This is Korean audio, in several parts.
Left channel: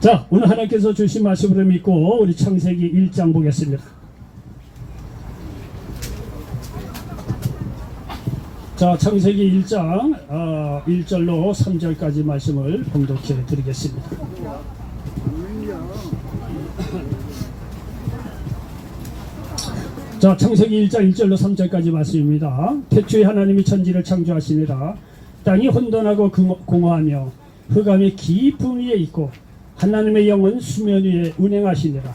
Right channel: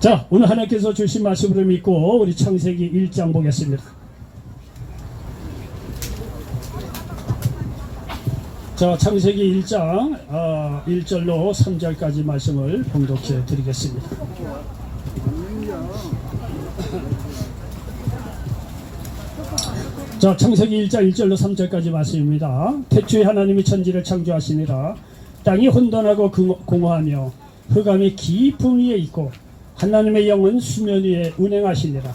자, 오늘 하나님께서 주신 말씀으로 믿고 우리 창세기 1장 보겠습니다. 자, 창세기 1장 1절로 3절까지 말씀을 봉독해 드리겠습니다. 자, 창세기 1장 1절로 3절까지 말씀입니다. 태초에 하나님이 천지를 창조하시니라. 땅이 혼돈하고 공허하며 흑암이 깊음 위에 있고 하나님의 영은 수면 위에 운행하시니라.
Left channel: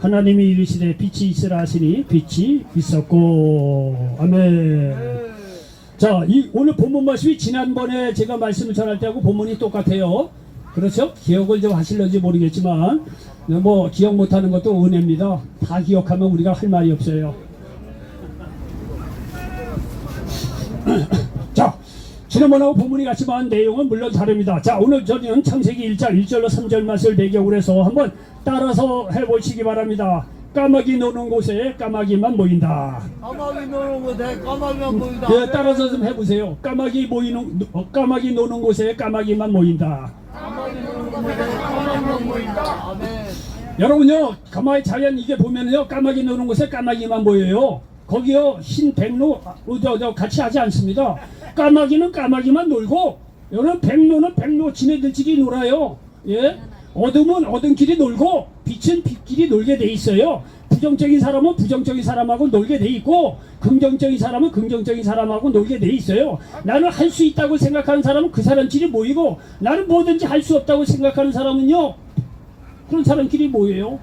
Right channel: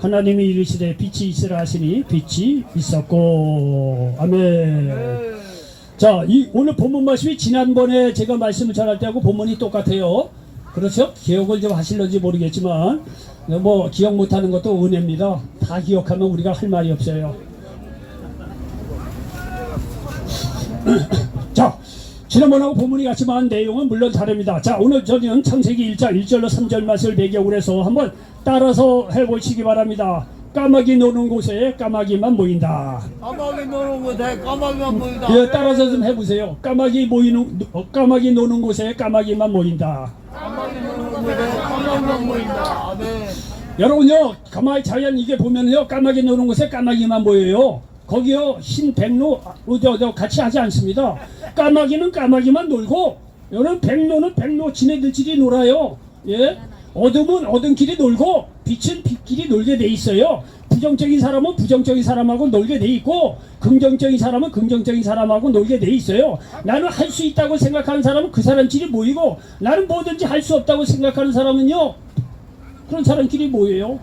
하나님이 이르시되 빛이 있으라 하시니 빛이 있었고. 아멘. 자, 오늘 본문 말씀이 지난번에 제가 말씀을 전할 때하고 본문이 똑같아요. 그렇죠? 기억을 좀 하실런지 모르겠지만 뭐 기억 못하는 것도 은혜입니다. 다 기억하면 우리가 할 말이 없어요. 자, 지난번하고 본문이 같지만 내용은 물론 다릅니다. 자, 오늘 저는 창세기 1장 1절로 3절 말씀을 배경으로 해서 한번 따라서 해보시기 바랍니다. 까마귀 노는 곳에 까마귀만 모인다. 까마귀 노는 곳에 까마귀만 모인다. 예, 따라서 좀 해보세요. 까마귀 노는 곳에 까마귀만 모인다. 까마귀 노는 곳에 까마귀만 모인다. 네. 여러분요, 가만히 자연 이게 보면요, 까마귀 노는 곳에 까마귀만 모여요. 거기요, 흰 백로 같이 하지 않습니다. 까마귀는 까마귀만 놀고, 여러분 백로는 백로 지네들끼리 놀아요. 예, 어둠은 어둠끼리 놀고, 빛은 빛끼리 놀게 돼 있어요. 부정적인 사람은 부정적인 사람하고 놀게 돼 있고, 긍정적인 사람은 긍정적인 사람하고 놀게 돼 있어요. 나는 할 수 있다고 생각하는 사람은 그 사람끼리 모이고, 나는 뭐든지 할 수 없다고 생각하는 사람은요, 그런 사람끼리 모여요.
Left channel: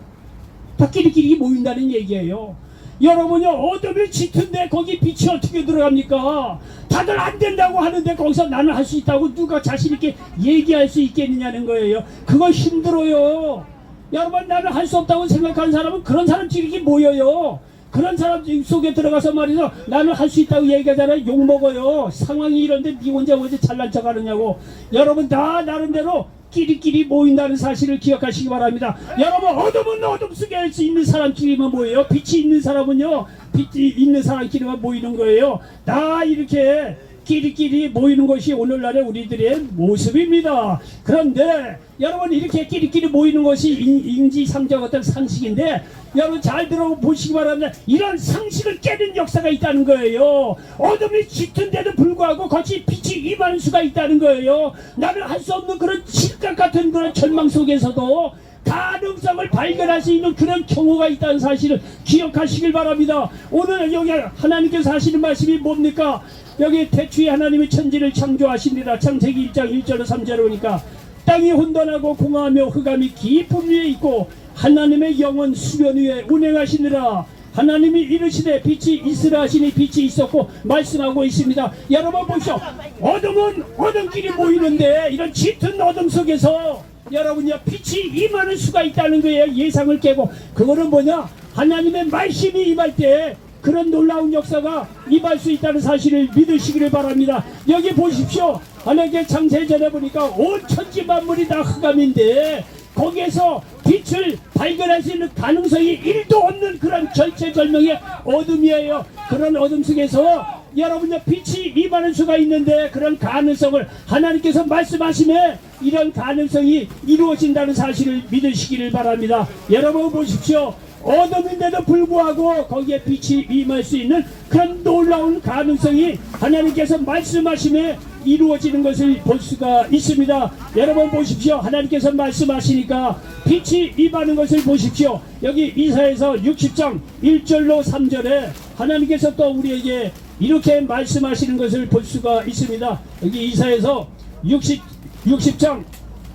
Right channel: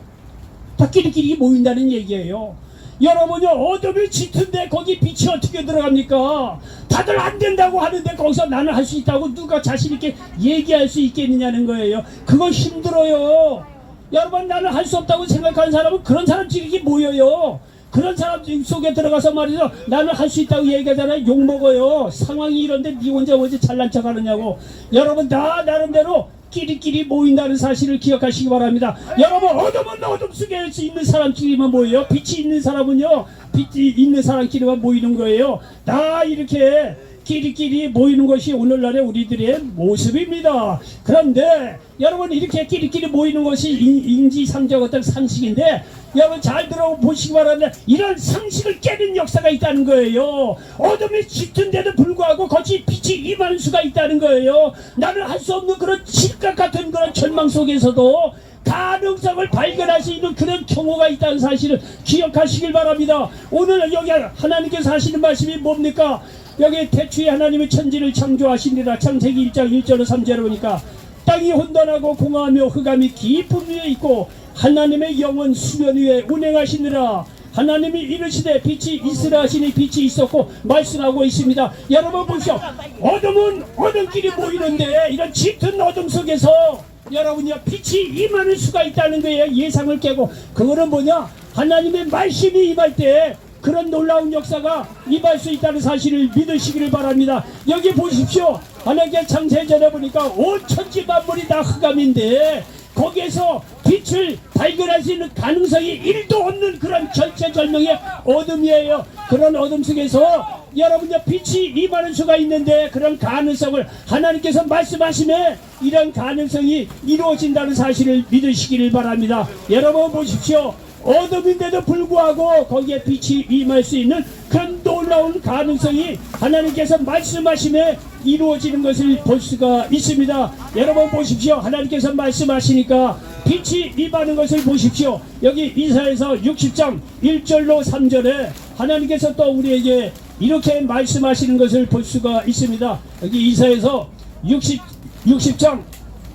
다 끼리끼리 모인다는 얘기예요. 여러분요, 어둠이 짙은데 거기 빛이 어떻게 들어갑니까? 다들 안 된다고 하는데 거기서 나는 할 수 있다고 누가 자신 있게 얘기할 수 있겠느냐는 거예요. 그건 힘들어요. 여러분, 나는 할 수 없다고 생각하는 사람은 그런 사람끼리 모여요. 그런 사람 속에 들어가서 말이죠, 나는 할 수 있다고 얘기하잖아요. 욕먹어요. 상황이 이런데 니 혼자 어디 잘난 척 하느냐고. 여러분 다 나름대로 끼리끼리 모인다는 사실을 기억하시기 바랍니다. 여러분, 어둠은 어둠 속에 있는 사람끼리만 모여요. 빛이 있는 사람은요, 빛이 있는 사람끼리만 모이는 거예요. 다 이렇게 끼리끼리 모이는 것이 오늘날의 우리들의 모습입니다. 그런데 여러분, 이렇게 끼리끼리 모이는 것이 인지상정 어떤 상식인데, 여러분 잘 들어보시기 바랍니다. 이런 상식을 깨는 역사가 있다는 거예요. 어둠이 짙은데도 불구하고 거치 빛이 임하는 수가 있다는 거예요. 나는 할 수 없는 그런 실각 같은 그런 절망 속에서도 가능성을 발견할 수 있는 그런 경우가 있다는 사실을 기억하시길 바랍니다. 오늘 여기 하나님께서 하시는 말씀이 뭡니까? 여기 태초에 하나님이 천지를 창조하시니라. 창세기 1장 1절로 3절에 보니까 땅이 혼돈하고 공허하며 흑암이 깊음 위에 있고 하나님의 영은 수면 위에 운행하시니라. 하나님이 이르시되 빛이 있으라 하시니 빛이 있었고 말씀하고 있습니다. 여러분 보시오. 어둠은 어둠끼리 모이는데 이런 짙은 어둠 속에서 여러분요, 빛이 임하는 수가 있다는 거예요. 예상을 깨고. 그거는 뭐냐? 하나님의 말씀이 임할 때 그런 놀라운 역사가 임할 수 있다는 사실을 믿으시기를 바랍니다. 여기 보십시오. 하나님께 창세전에 보니까 온 천지 만물이 다 흑암인데 거기에서 빛을 발견할 수 있는 가능성이 1도 없는 그런 절체절명의 어둠이에요. 그런 어둠 속에서 여러분들 빛이 임하는 수가 있는데 그런 가능성을 하나님께서 말씀하시면 이런 가능성이 이루어진다는 사실을 믿으시기를 바랍니다. 여러분 보십시오. 어둠인데도 불구하고 거기에 빛이 임할 수 있는 그런 놀라운 가능성이 하나님께서 말씀하시면 이루어지는 것을 볼 수가 있습니다. 여러분 보십시오. 하나님께서 말씀하시니까 빛이 임하는 것을 보십시오. 여기 이사야서 60장 1절로 3절에 하나님께서 또 우리에게 이렇게 말씀하시는 것을 볼 수가 있습니다. 여기 이사야서 60장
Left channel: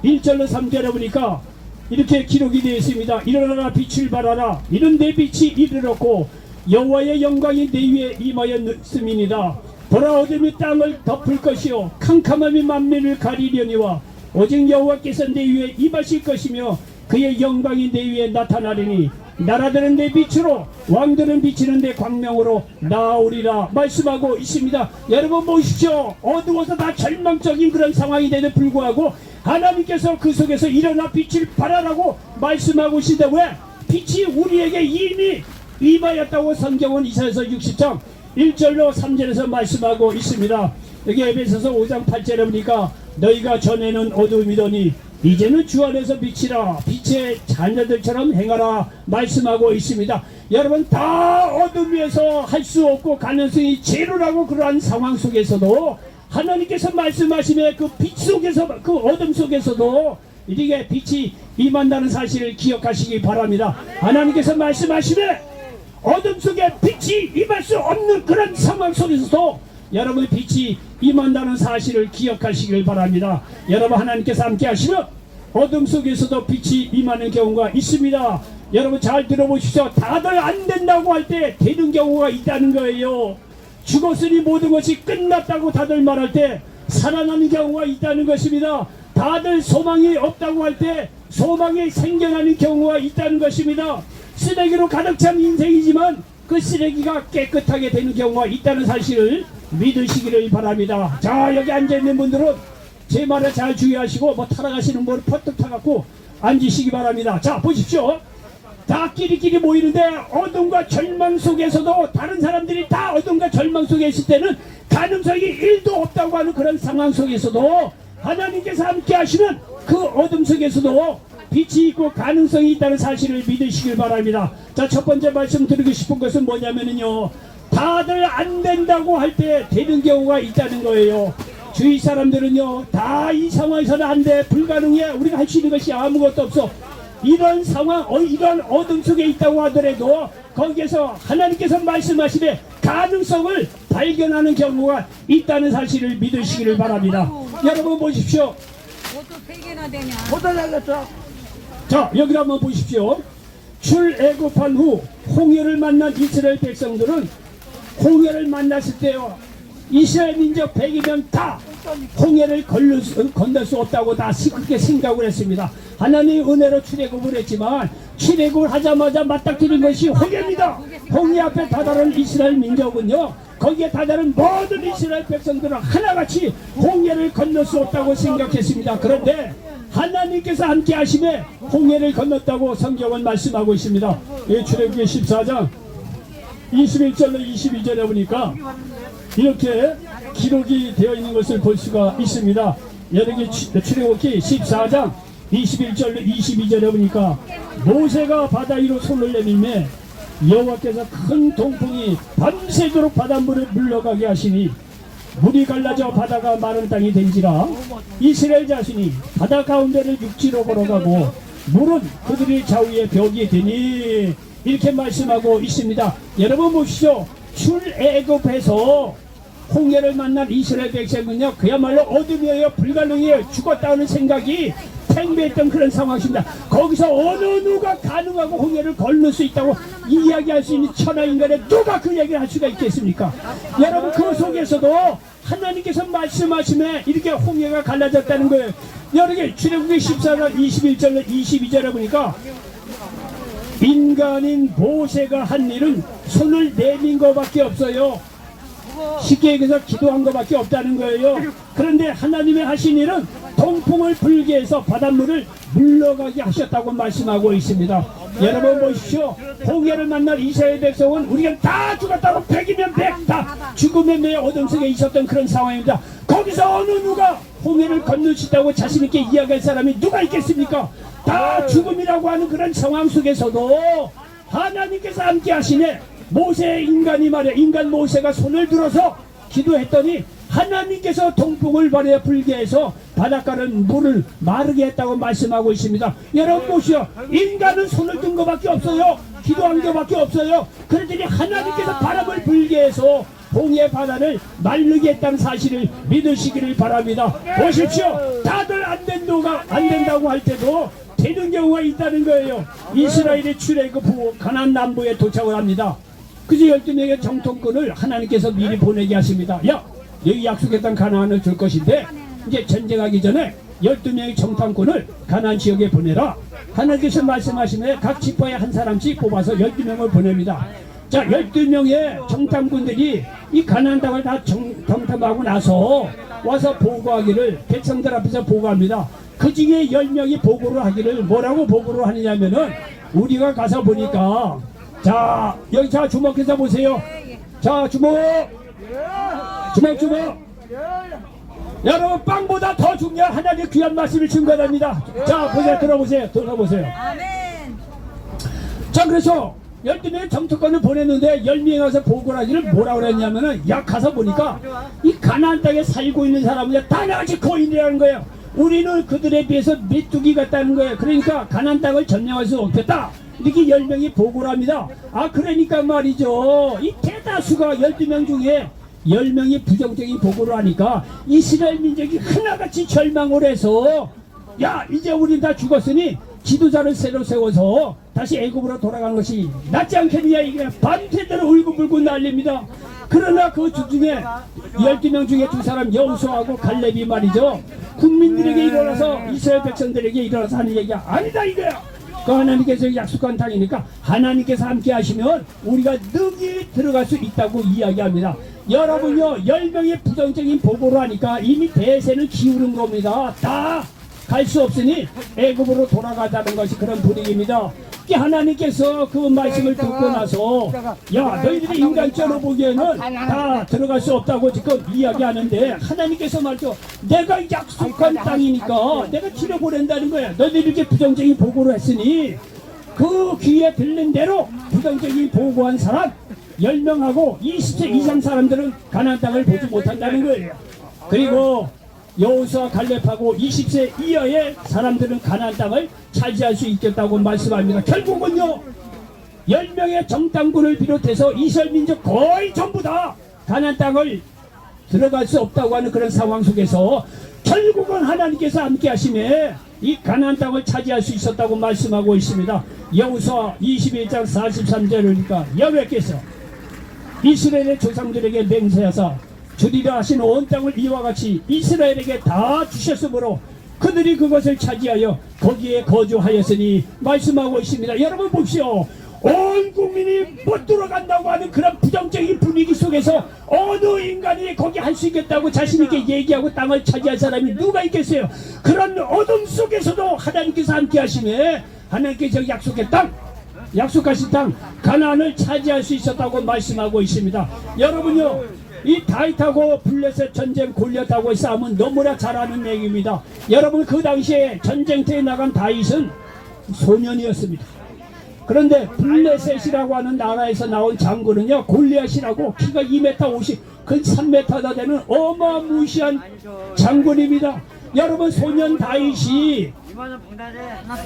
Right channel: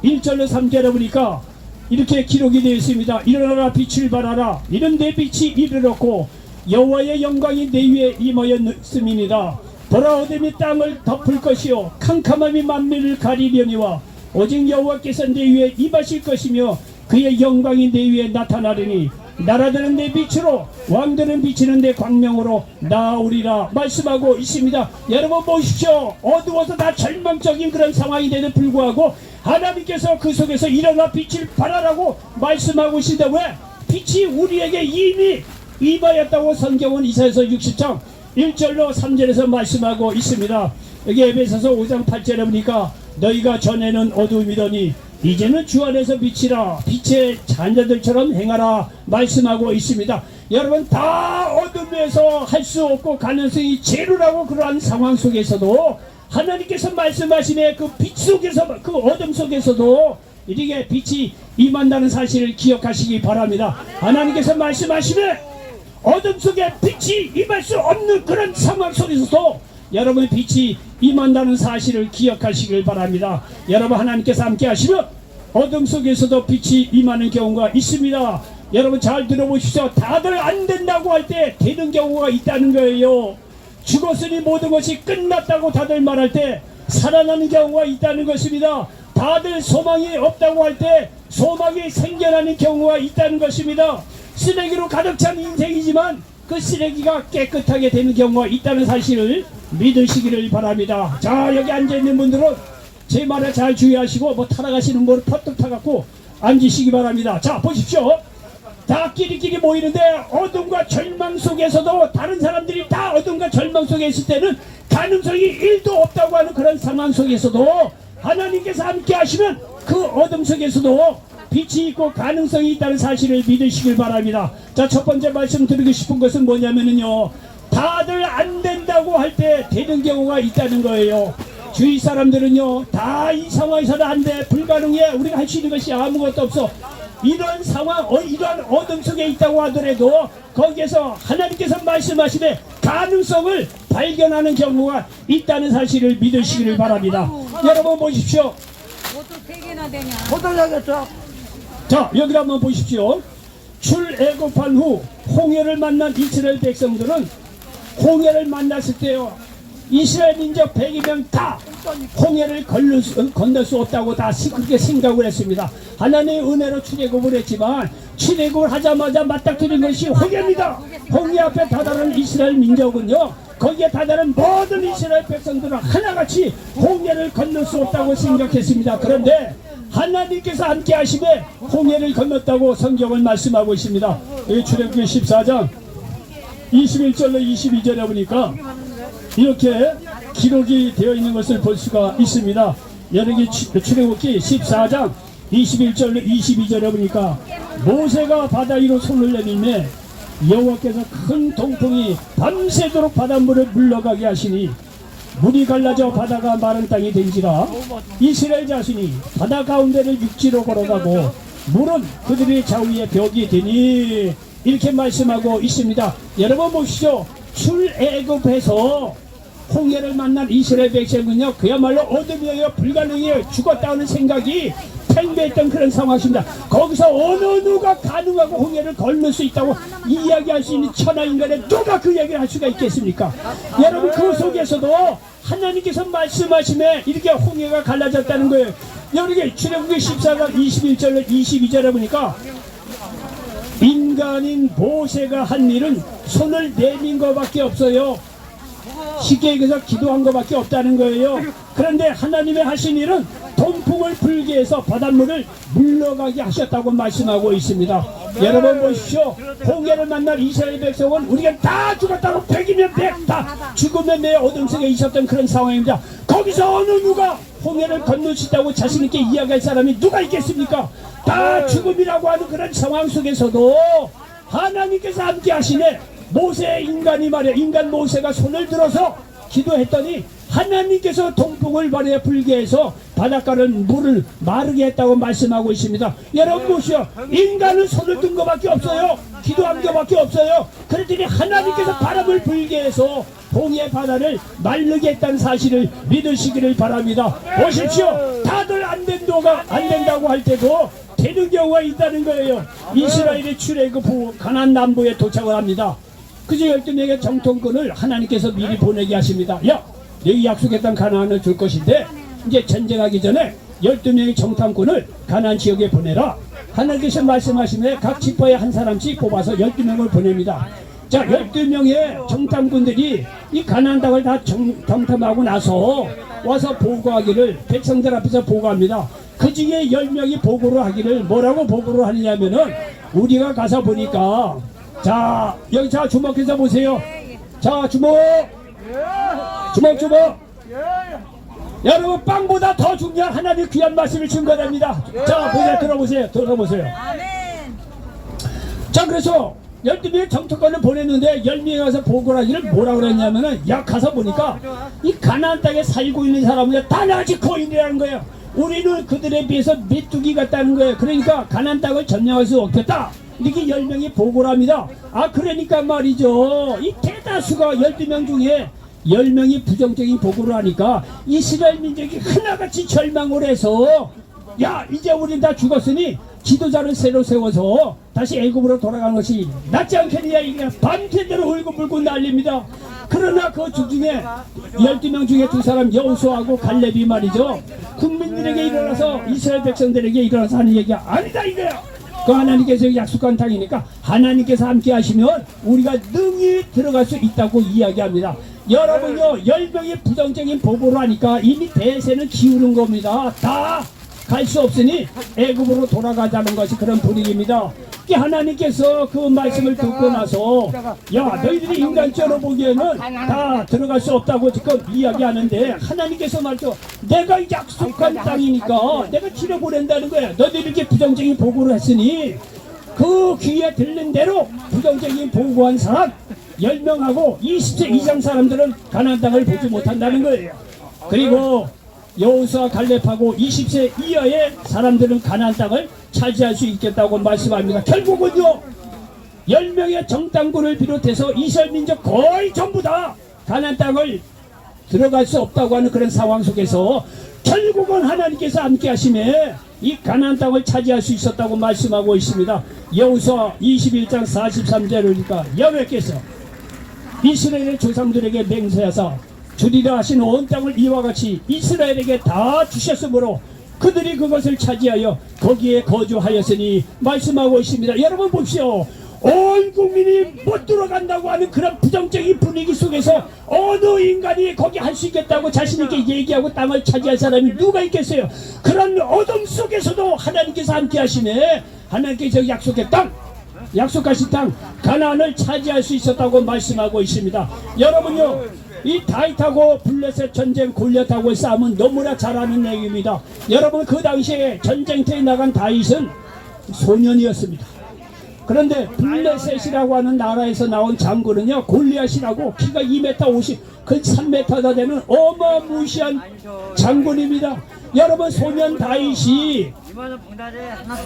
1절로 3절에 보니까 이렇게 기록이 되어 있습니다. 일어나라, 빛을 발하라. 이는 내 빛이 이르렀고 여호와의 영광이 내 위에 임하였음이니라. 보라, 어둠이 땅을 덮을 것이요 캄캄함이 만민을 가리려니와 오직 여호와께서 내 위에 임하실 것이며 그의 영광이 내 위에 나타나리니 나라들은 내 빛으로 왕들은 비치는 내 광명으로 나오리라 말씀하고 있습니다. 여러분 보십시오. 어두워서 다 절망적인 그런 상황이 되는 불구하고 하나님께서 그 속에서 일어나 빛을 발하라고 말씀하고 있는데 왜? 빛이 우리에게 이미 임하였다고 성경은 이사야서 60장 1절로 3절에서 말씀하고 있습니다. 여기 에베소서 5장 8절에 보니까 너희가 전에는 어두움이더니 이제는 주 안에서 비치라 빛의 자녀들처럼 행하라 말씀하고 있습니다. 여러분 다 어둠에서 할 수 없고 가능성이 제로라고 그러한 상황 속에서도 하나님께서 말씀하시네 그 빛 속에서 그 어둠 속에서도 이렇게 빛이 임한다는 사실을 기억하시기 바랍니다. 하나님께서 말씀하시네 어둠 속에 빛이 임할 수 없는 그런 상황 속에서도 여러분 빛이 임한다는 사실을 기억하시길 바랍니다. 여러분 하나님께서 함께 하시면 어둠 속에서도 빛이 임하는 경우가 있습니다. 여러분 잘 들어보십시오. 다들 안 된다고 할 때 되는 경우가 있다는 거예요. 죽었으니 모든 것이 끝났다고 다들 말할 때 살아나는 경우가 있다는 것입니다. 다들 소망이 없다고 할 때 소망이 생겨나는 경우가 있다는 것입니다. 쓰레기로 가득 찬 인생이지만 그 쓰레기가 깨끗하게 되는 경우가 있다는 사실을 믿으시기를 바랍니다. 자, 여기 앉아있는 분들은 제 말을 잘 주의하시고 뭐 타락하시는 분을 퍼뜩 타갖고 앉으시기 바랍니다. 자, 보십시오. 다 끼리끼리 모이는데 어둠과 절망 속에서도 다른 사람들이 다 어둠과 절망 속에 있을 때는 가능성이 1도 없다고 하는 그런 상황 속에서도 하나님께서 함께 하시면 그 어둠 속에서도 빛이 있고 가능성이 있다는 사실을 믿으시길 바랍니다. 자, 첫 번째 말씀 드리고 싶은 것은 뭐냐면요, 다들 안 된다고 할 때 되는 경우가 있다는 거예요. 주위 사람들은요, 다 이 상황에서는 안 돼, 불가능해, 우리가 할 수 있는 것이 아무것도 없어, 이런 상황, 이런 어둠 속에 있다고 하더라도 거기에서 하나님께서 말씀하시되 가능성을 발견하는 경우가 있다는 사실을 믿으시기를 바랍니다. 여러분 보십시오. 옷도 3개나 되냐? 포도약이었죠. 자, 여기 한번 보십시오. 출애굽한 후 홍해를 만난 이스라엘 백성들은 홍해를 만났을 때요, 이스라엘 민족 100이면 다 홍해를 건널 수 없다고 다 그렇게 생각을 했습니다. 하나님의 은혜로 출애굽을 했지만 출애굽을 하자마자 맞닥뜨린 것이 홍해입니다. 홍해 앞에 다다른 이스라엘 민족은요, 거기에 다다른 모든 이스라엘 백성들은 하나같이 홍해를 건널 수 없다고 생각했습니다. 그런데 하나님께서 함께 하심에 홍해를 건넜다고 성경은 말씀하고 있습니다. 이 출애굽기 14장 21절로 22절에 보니까 이렇게 기록이 되어 있는 것을 볼 수가 있습니다. 여기 출애굽기 14장 21절로 22절에 보니까 모세가 바다 위로 손을 내밀매 여호와께서 큰 동풍이 밤새도록 바닷물을 물러가게 하시니 물이 갈라져 바다가 마른 땅이 된지라 이스라엘 자신이 바다 가운데를 육지로 걸어가고 물은 그들의 좌우에 벽이 되니 이렇게 말씀하고 있습니다. 여러분 보시죠. 출애굽해서 홍해를 만난 이스라엘 백성은요, 그야말로 어둠이에요, 불가능해요, 죽었다는 생각이 팽배했던 그런 상황입니다. 거기서 어느 누가 가능하고 홍해를 건널 수 있다고 이야기할 수 있는 천하인간에 누가 그 얘기를 할 수가 있겠습니까? 여러분 그 속에서도 하나님께서 말씀하심에 이렇게 홍해가 갈라졌다는 거예요. 여기 출애굽기 14장 21절로 22절에 보니까 인간인 모세가 한 일은 손을 내민 것밖에 없어요. 쉽게 얘기해서 기도한 것밖에 없다는 거예요. 그런데 하나님의 하신 일은 동풍을 불게 해서 바닷물을 물러가게 하셨다고 말씀하고 있습니다. 여러분 보십시오. 홍해를 만날 이스라엘 백성은 우리가 다 죽었다고 100이면 100, 다 죽으면 내 어둠 속에 있었던 그런 상황입니다. 거기서 어느 누가 홍해를 건널 수 있다고 자신 있게 이야기할 사람이 누가 있겠습니까? 다 죽음이라고 하는 그런 상황 속에서도 하나님께서 함께 하시네. 모세 인간이 말이야, 인간 모세가 손을 들어서 기도했더니 하나님께서 동풍을 발에 불게 해서 바닷가를 물을 마르게 했다고 말씀하고 있습니다. 여러분 보시오. 인간은 손을 든 것밖에 없어요. 기도한 것밖에 없어요. 그랬더니 하나님께서 바람을 불게 해서 홍해 바다를 마르게 했다는 사실을 믿으시기를 바랍니다. 보십시오. 다들 안 된다고 할 때도 되는 경우가 있다는 거예요. 이스라엘이 출애굽 후 가나안 남부에 도착을 합니다. 그저 12명의 정통꾼을 하나님께서 미리 보내게 하십니다. 야, 여기 약속했던 가나안을 줄 것인데 이제 전쟁하기 전에 12명의 정탐꾼을 가나안 지역에 보내라. 하나님께서 말씀하시면 각 지파에 한 사람씩 뽑아서 12명을 보냅니다. 자, 12명의 정탐꾼들이 이 가나안 땅을 다 정탐하고 나서 와서 보고하기를 백성들 앞에서 보고합니다. 그 중에 10명이 보고를 하기를 뭐라고 보고를 하느냐면은 우리가 가서 보니까 자, 여기 자 주목해서 보세요. 자, 주목. 여러분 빵보다 더 중요한 하나님의 귀한 말씀을 증거합니다. 자 보세요. 들어보세요. 아멘. 자 그래서 12명의 정토권을 보냈는데 10명이 와서 보고를 하기를 뭐라 그랬냐면은 야 가서 보니까 이 가나안 땅에 살고 있는 사람은 다 아직 거인이라는 거예요. 우리는 그들에 비해서 메뚜기 같다는 거예요. 그러니까 가나안 땅을 점령할 수 없겠다 이렇게 10명이 보고를 합니다. 아 그러니까 말이죠, 이 대다수가 12명 중에 10명이 부정적인 보고를 하니까 이스라엘 민족이 하나같이 절망을 해서 야 이제 우린 다 죽었으니 지도자를 새로 세워서 다시 애굽으로 돌아가는 것이 낫지 않겠느냐 이게 밤새도록 울고불고 난립니다. 그러나 그 중에 12명 중에 두 사람 여호수아하고 갈렙이 말이죠, 국민들에게 일어나서 이스라엘 백성들에게 일어나서 하는 얘기가 아니다 이거야. 그 하나님께서 약속한 땅이니까 하나님께서 함께 하시면 우리가 능히 들어갈 수 있다고 이야기합니다. 여러분요 10명이 부정적인 보고를 하니까 이미 대세는 기울은 겁니다. 다 갈 수 없으니 애굽으로 돌아가자는 것이 그런 분위기입니다. 하나님께서 그 말씀을 듣고 나서 야 너희들이 인간적으로 보기에는 다 들어갈 수 없다고 지금 이야기하는데 하나님께서 말이죠, 내가 약속한 땅이니까 내가 치러보낸다는 거야. 너희들이 이렇게 부정적인 보고를 했으니 그 귀에 들린 대로 부정적인 보고한 사람 10명하고 20세 이상 사람들은 가나안 땅을 보지 못한다는 거예요. 그리고 여호수아 갈렙하고 20세 이하의 사람들은 가나안 땅을 차지할 수 있겠다고 말씀합니다. 결국은요 10명의 정탐꾼을 비롯해서 이스라엘 민족 거의 전부 다 가나안 땅을 들어갈 수 없다고 하는 그런 상황 속에서 결국은 하나님께서 함께 하심에 이 가나안 땅을 차지할 수 있었다고 말씀하고 있습니다. 여호수아 21장 43절이니까 여호와께서 이스라엘의 조상들에게 맹세하사 주리라 하신 온 땅을 이와 같이 이스라엘에게 다 주셨으므로 그들이 그것을 차지하여 거기에 거주하였으니 말씀하고 있습니다. 여러분 보십시오. 온 국민이 못 들어간다고 하는 그런 부정적인 분위기 속에서 어느 인간이 거기 할 수 있겠다고 자신있게 얘기하고 땅을 차지할 사람이 누가 있겠어요. 그런 어둠 속에서도 하나님께서 함께 하시네. 하나님께서 약속하신 땅 가나안을 차지할 수 있었다고 말씀하고 있습니다. 여러분요 이 다윗하고 블레셋 전쟁 골리앗하고 싸움은 너무나 잘 아는 얘기입니다. 여러분 그 당시에 전쟁터에 나간 다윗은 소년이었습니다. 그런데 블레셋이라고 하는 나라에서 나온 장군은요 골리앗이라고 키가 2m 50, 근 3m나 되는 어마무시한 장군입니다. 여러분 소년 다윗이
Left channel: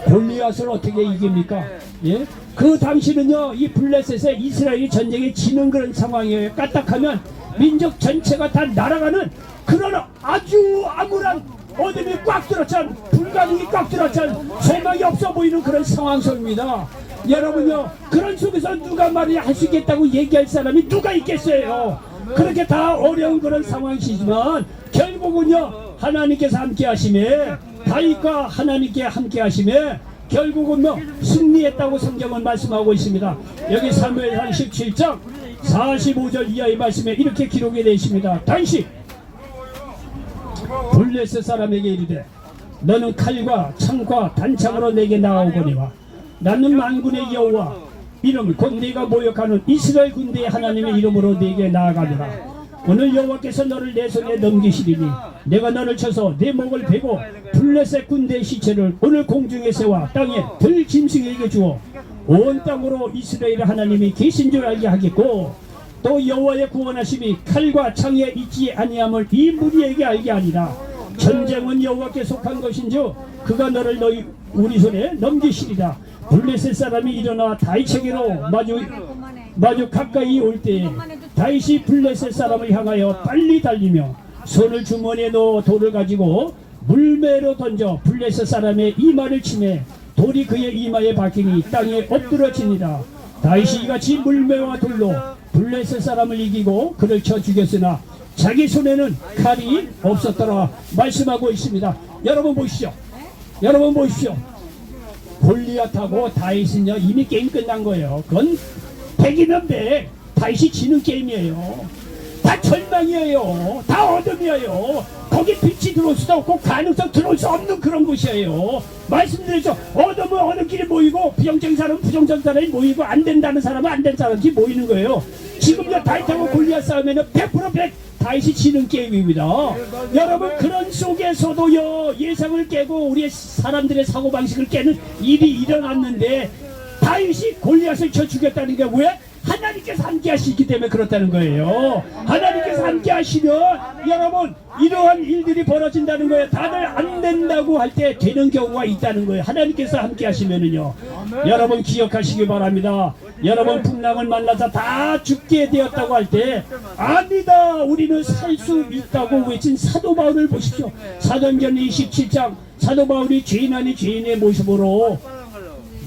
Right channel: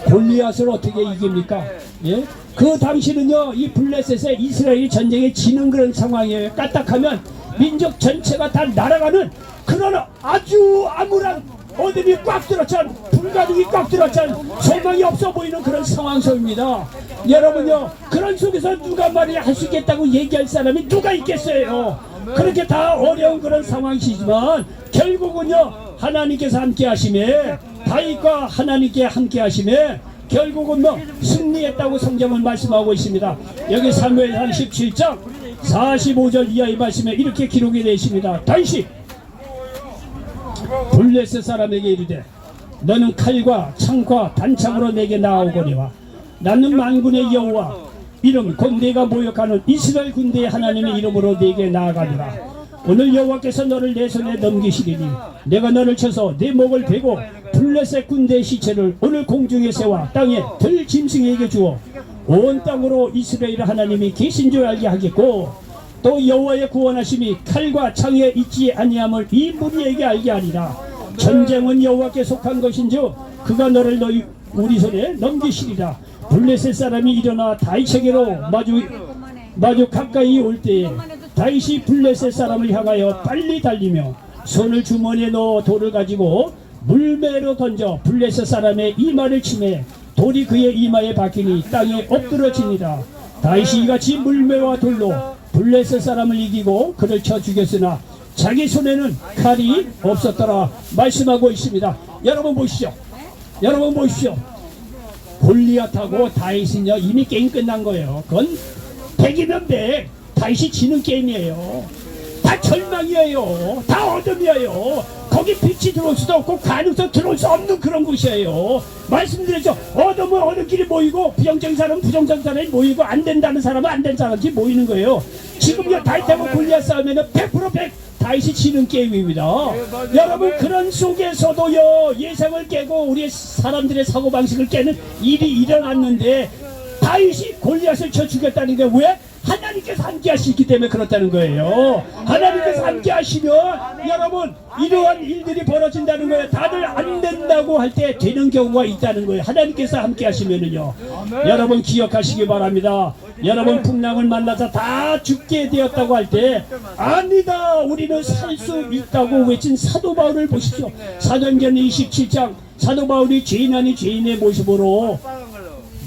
골리앗을 어떻게 이깁니까? 예? 그 당시는요 이 블레셋에 이스라엘이 전쟁에 지는 그런 상황이에요. 까딱하면 민족 전체가 다 날아가는 그런 아주 암울한 어둠이 꽉 들었잖아, 불가능이 꽉 들었잖아, 소망이 없어 보이는 그런 상황 속입니다. 여러분요 그런 속에서 누가 말이야 할 수 있겠다고 얘기할 사람이 누가 있겠어요. 그렇게 다 어려운 그런 상황이지만 결국은요 하나님께서 함께 하심에 다윗과 하나님께 함께 하심에 결국은 승리했다고 성경은 말씀하고 있습니다. 여기 사무엘상 17장 45절 이하의 말씀에 이렇게 기록이 되어 있습니다. 다윗이 블레셋 사람에게 이르되 너는 칼과 창과 단창으로 내게 나아오거니와 나는 만군의 여호와 이름 곧 네가 모욕하는 이스라엘 군대의 하나님의 이름으로 네게 나아가리라. 오늘 여호와께서 너를 내 손에 넘기시리니 내가 너를 쳐서 내 목을 베고 블레셋 군대의 시체를 오늘 공중에 세워 땅에 들 짐승에게 주어 온 땅으로 이스라엘 하나님이 계신 줄 알게 하겠고 또 여호와의 구원하심이 칼과 창에 있지 아니함을 이 무리에게 알게 하리라. 전쟁은 여호와께 속한 것인즉 그가 너를 너희 우리 손에 넘기시리라. 블레셋 사람이 일어나 다윗에게로 마주 가까이 올 때에 다윗이 블레셋 사람을 향하여 빨리 달리며 손을 주머니에 넣어 돌을 가지고 물매로 던져 블레셋 사람의 이마를 치매 돌이 그의 이마에 박히니 땅에 엎드러지니라. 다윗이 이같이 물매와 돌로 블레셋 사람을 이기고 그를 쳐 죽였으나 자기 손에는 칼이 없었더라 말씀하고 있습니다. 여러분 보십시오. 골리앗하고 다윗은요 이미 게임 끝난 거예요. 그건 100이면 100, 다윗이 지는 게임이에요. 다 절망이에요. 다 어둠이에요. 거기 빛이 들어올 수도 없고 가능성 들어올 수 없는 그런 곳이에요. 말씀드렸죠. 어둠은 어둠끼리 모이고 부정적인 사람은 부정적인 사람이 모이고 안 된다는 사람은 안 된 사람이 모이는 거예요. 지금 다윗하고 골리앗 싸우면 100% 100 다윗이 지는 게임입니다. 여러분 그런 속에서도요 예상을 깨고 우리 사람들의 사고방식을 깨는 일이 일어났는데 다윗이 골리앗을 쳐 죽였다는 게 왜? 하나님께서 함께 하시기 때문에 그렇다는 거예요. 하나님께서 함께 하시면 여러분 이러한 일들이 벌어진다는 거예요. 다들 안 된다고 할 때 되는 경우가 있다는 거예요. 하나님께서 함께 하시면은요. 여러분 기억하시기 바랍니다. 여러분 풍랑을 만나서 다 죽게 되었다고 할 때 아니다 우리는 살 수 있다고 외친 사도 바울을 보십시오. 사도행전 27장 사도 바울이 죄인 아닌 죄인의 모습으로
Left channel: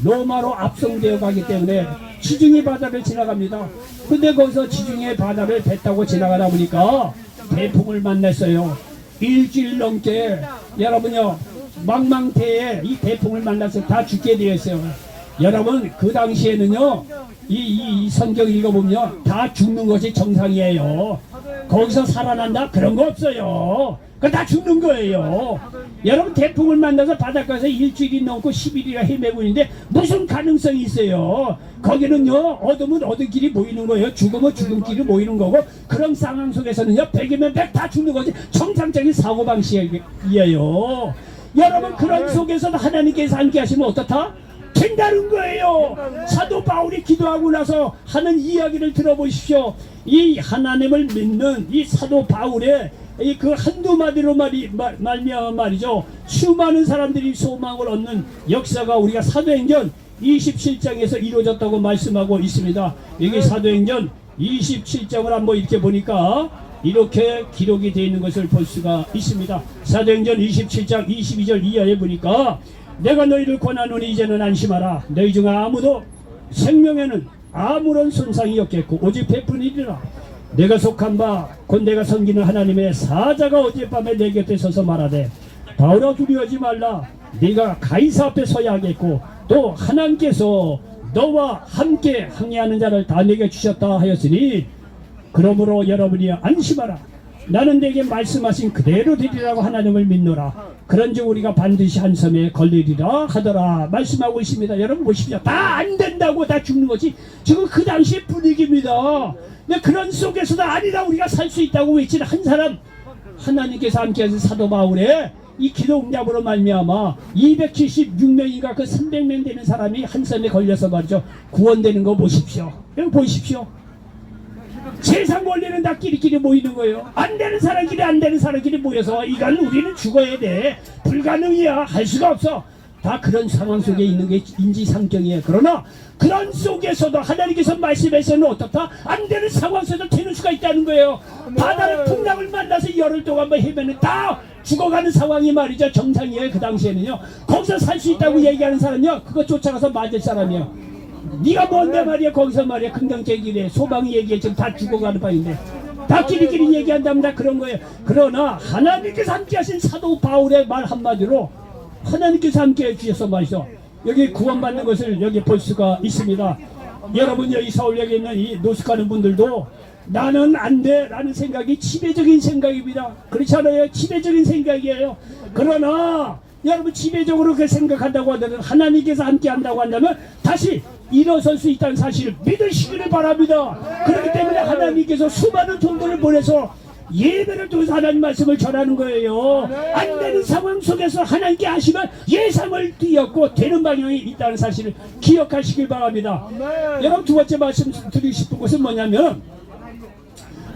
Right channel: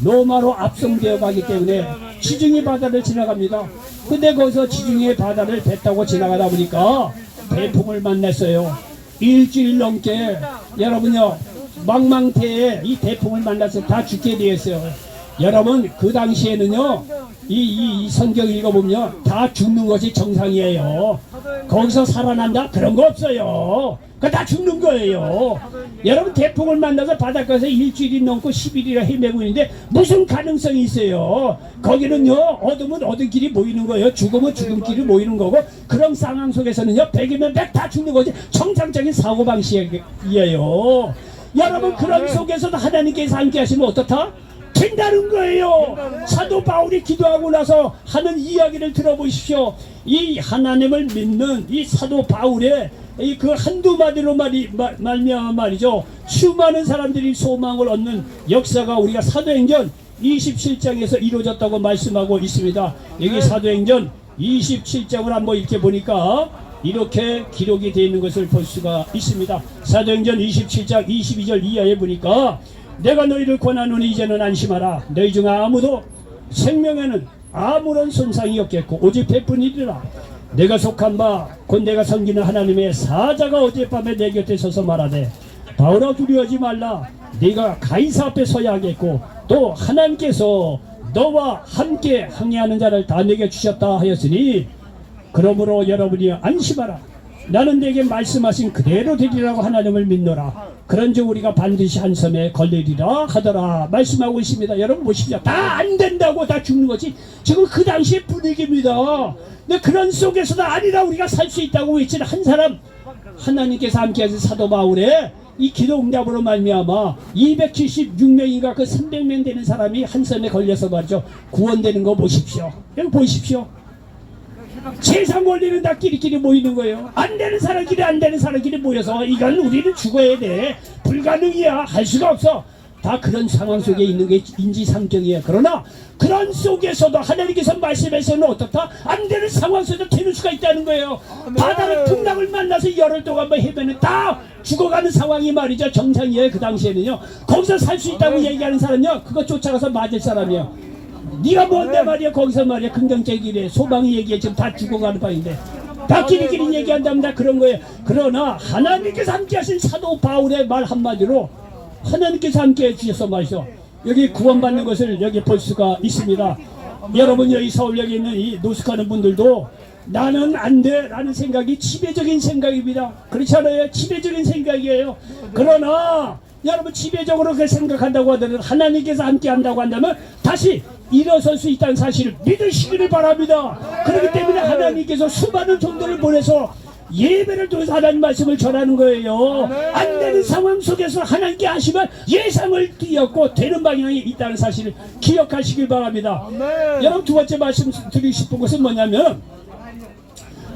로마로 압송되어 가기 때문에 지중해 바다를 지나갑니다. 근데 거기서 지중해 바다를 배 타고 지나가다 보니까 태풍을 만났어요. 일주일 넘게 여러분요 망망대해 이 태풍을 만나서 다 죽게 되었어요. 여러분 그 당시에는요 이 성경 읽어보면 다 죽는 것이 정상이에요. 거기서 살아난다 그런 거 없어요. 그 다 죽는 거예요. 여러분 태풍을 만나서 바닷가에서 일주일이 넘고 10일이나 헤매고 있는데 무슨 가능성이 있어요. 거기는요 얻으면 얻은 길이 모이는 거예요. 죽으면 죽은 길이 모이는 거고 그런 상황 속에서는요 100이면 100 다 죽는 거지. 정상적인 사고방식이에요. 여러분 그런 속에서도 하나님께서 함께 하시면 어떻다? 된다는 거예요. 사도 바울이 기도하고 나서 하는 이야기를 들어보십시오. 이 하나님을 믿는 이 사도 바울의 이 그 한두 마디로 말미암아 말이죠. 수많은 사람들이 소망을 얻는 역사가 우리가 사도행전 27장에서 이루어졌다고 말씀하고 있습니다. 여기 사도행전 27장을 한번 이렇게 보니까 이렇게 기록이 되어 있는 것을 볼 수가 있습니다. 사도행전 27장 22절 이하에 보니까 내가 너희를 권하노니 이제는 안심하라. 너희 중 아무도 생명에는 아무런 손상이 없겠고 오직 베푼이리라. 내가 속한 바 곧 내가 섬기는 하나님의 사자가 어젯밤에 내 곁에 서서 말하되 바울아 두려워하지 말라. 네가 가이사 앞에 서야 하겠고 또 하나님께서 너와 함께 항해하는 자를 다 내게 주셨다 하였으니 그러므로 여러분이 안심하라. 나는 내게 말씀하신 그대로 되리라고 하나님을 믿노라. 그런즉 우리가 반드시 한 섬에 걸리리라 하더라 말씀하고 있습니다. 여러분 보십시오. 다 안 된다고 다 죽는 거지. 지금 그 당시의 분위기입니다. 근데 그런 속에서도 아니라 우리가 살 수 있다고 외치는 한 사람 하나님께서 함께하신 사도 바울의 이 기도 응답으로 말미암아 276명인가 그 300명 되는 사람이 한 섬에 걸려서 말이죠 구원되는 거 보십시오. 여러분 보십시오. 세상 원리는 다 끼리끼리 모이는 거예요. 안 되는 사람끼리 안 되는 사람끼리 모여서 이건 우리는 죽어야 돼. 불가능이야. 할 수가 없어. 다 그런 상황 속에 있는 게 인지상정이에요. 그러나 그런 속에서도 하나님께서 말씀해서는 어떻다? 안 되는 상황 속에서 되는 수가 있다는 거예요. 바다를 풍랑을 만나서 열흘 동안 헤매는 다 죽어가는 상황이 말이죠. 정상이에요. 그 당시에는요. 거기서 살 수 있다고 얘기하는 사람요. 그거 쫓아가서 맞을 사람이에요. 네가 뭔데 말이야. 거기서 말이야. 긍정적이래. 소망이 얘기해. 지금 다 죽어가는 방인데 다 끼리끼리 얘기한다면 다 그런 거예요. 그러나 하나님께서 함께 하신 사도 바울의 말 한마디로 하나님께서 함께 해주셔서 말이죠. 여기 구원받는 것을 여기 볼 수가 있습니다. 여러분 여기 서울역에 있는 이 노숙하는 분들도 나는 안 돼 라는 생각이 지배적인 생각입니다. 그렇지 않아요? 지배적인 생각이에요. 그러나 여러분 지배적으로 그렇게 생각한다고 하더라도 하나님께서 함께 한다고 한다면 다시 일어설 수 있다는 사실을 믿으시기를 바랍니다. 그렇기 때문에 하나님께서 수많은 종들을 보내서 예배를 통해서 하나님 말씀을 전하는 거예요. 안 되는 상황 속에서 하나님께 하시면 예상을 뛰었고 되는 방향이 있다는 사실을 기억하시길 바랍니다. 여러분 두 번째 말씀 드리고 싶은 것은 뭐냐면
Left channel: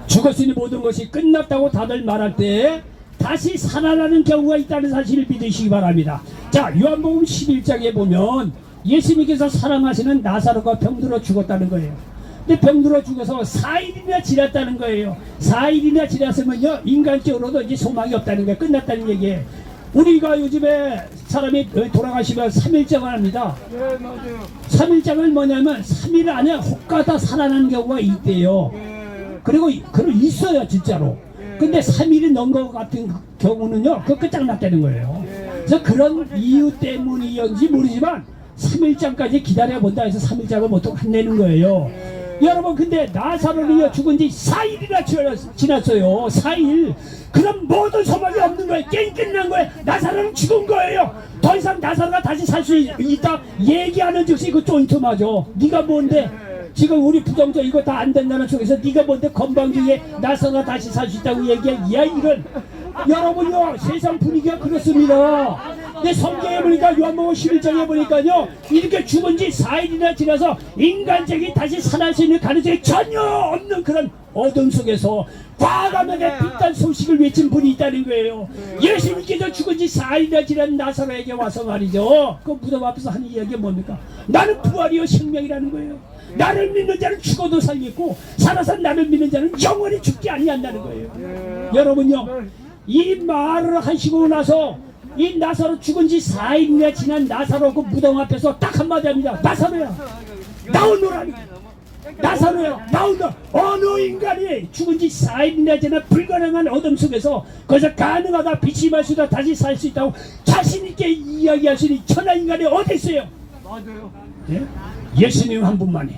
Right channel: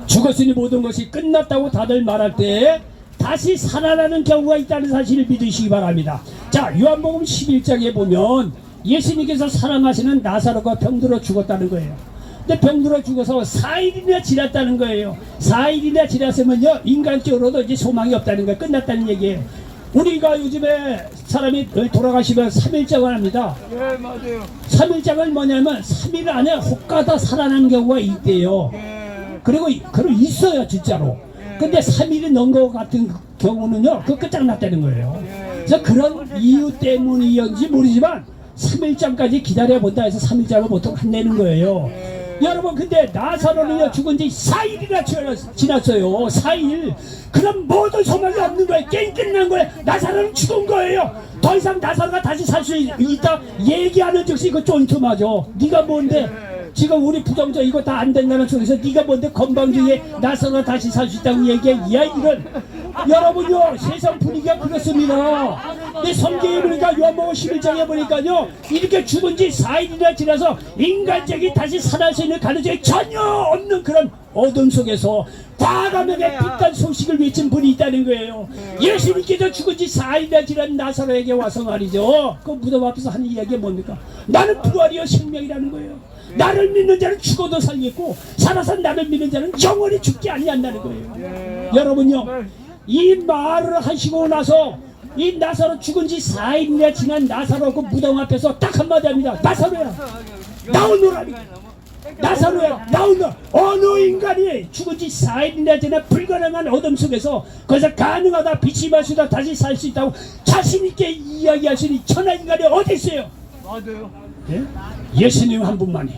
죽었으니 모든 것이 끝났다고 다들 말할 때 다시 살아나는 경우가 있다는 사실을 믿으시기 바랍니다. 자, 요한복음 11장에 보면 예수님께서 사랑하시는 나사로가 병들어 죽었다는 거예요. 근데 병들어 죽어서 4일이나 지났다는 거예요. 4일이나 지났으면요 인간적으로도 이제 소망이 없다는 거예요. 끝났다는 얘기예요. 우리가 요즘에 사람이 돌아가시면 3일장을 합니다. 네, 맞아요. 3일장을 뭐냐면 3일 안에 혹가다 살아나는 경우가 있대요. 그리고 있어요 진짜로. 근데 3일이 넘은 것 같은 경우는요 그 끝장났다는 거예요. 그래서 그런 이유 때문이었는지 모르지만 3일장까지 기다려본다 해서 3일장을 보통 한내는 거예요. 여러분 근데 나사로는요 죽은 지 4일이나 지났어요. 4일. 그럼 모든 소망이 없는 거예요. 게임 끝난 거예요. 나사로는 죽은 거예요. 더 이상 나사로가 다시 살 수 있다 얘기하는 즉시 그 쫀투마죠. 네가 뭔데 지금 우리 부정자 이거 다 안 된다는 속에서 네가 뭔데 건방지게 나서나 다시 살 수 있다고 얘기해. 야 이런 여러분요 세상 분위기가 그렇습니다. 내 성경에 보니까 요한복음 11장에 보니까요 이렇게 죽은 지 4일이나 지나서 인간적이 다시 살아날 수 있는 가능성이 전혀 없는 그런 어둠 속에서 과감하게 빛난 소식을 외친 분이 있다는 거예요. 예수님께서 죽은 지 4일이나 지난 나사로에게 와서 말이죠. 그 무덤 앞에서 하는 이야기가 뭡니까? 나는 부활이요 생명이라는 거예요. 나를 믿는 자는 죽어도 살겠고 살아서 나를 믿는 자는 영원히 죽지 아니한다는 거예요. 여러분요 이 말을 하시고 나서 이 나사로 죽은 지 4일이나 지난 나사로 그 무덤 앞에서 딱 한마디 합니다. 나사로야 나오너라. 나사로야 나오너라. 어느 인간이 죽은 지 4일이나 지난 불가능한 어둠 속에서 거기서 가능하다 빛이 마시다 다시 살 수 있다고 자신있게 이야기할 수 있는 천한 인간이 어디 있어요? 맞아요. 예? 예수님 한 분만이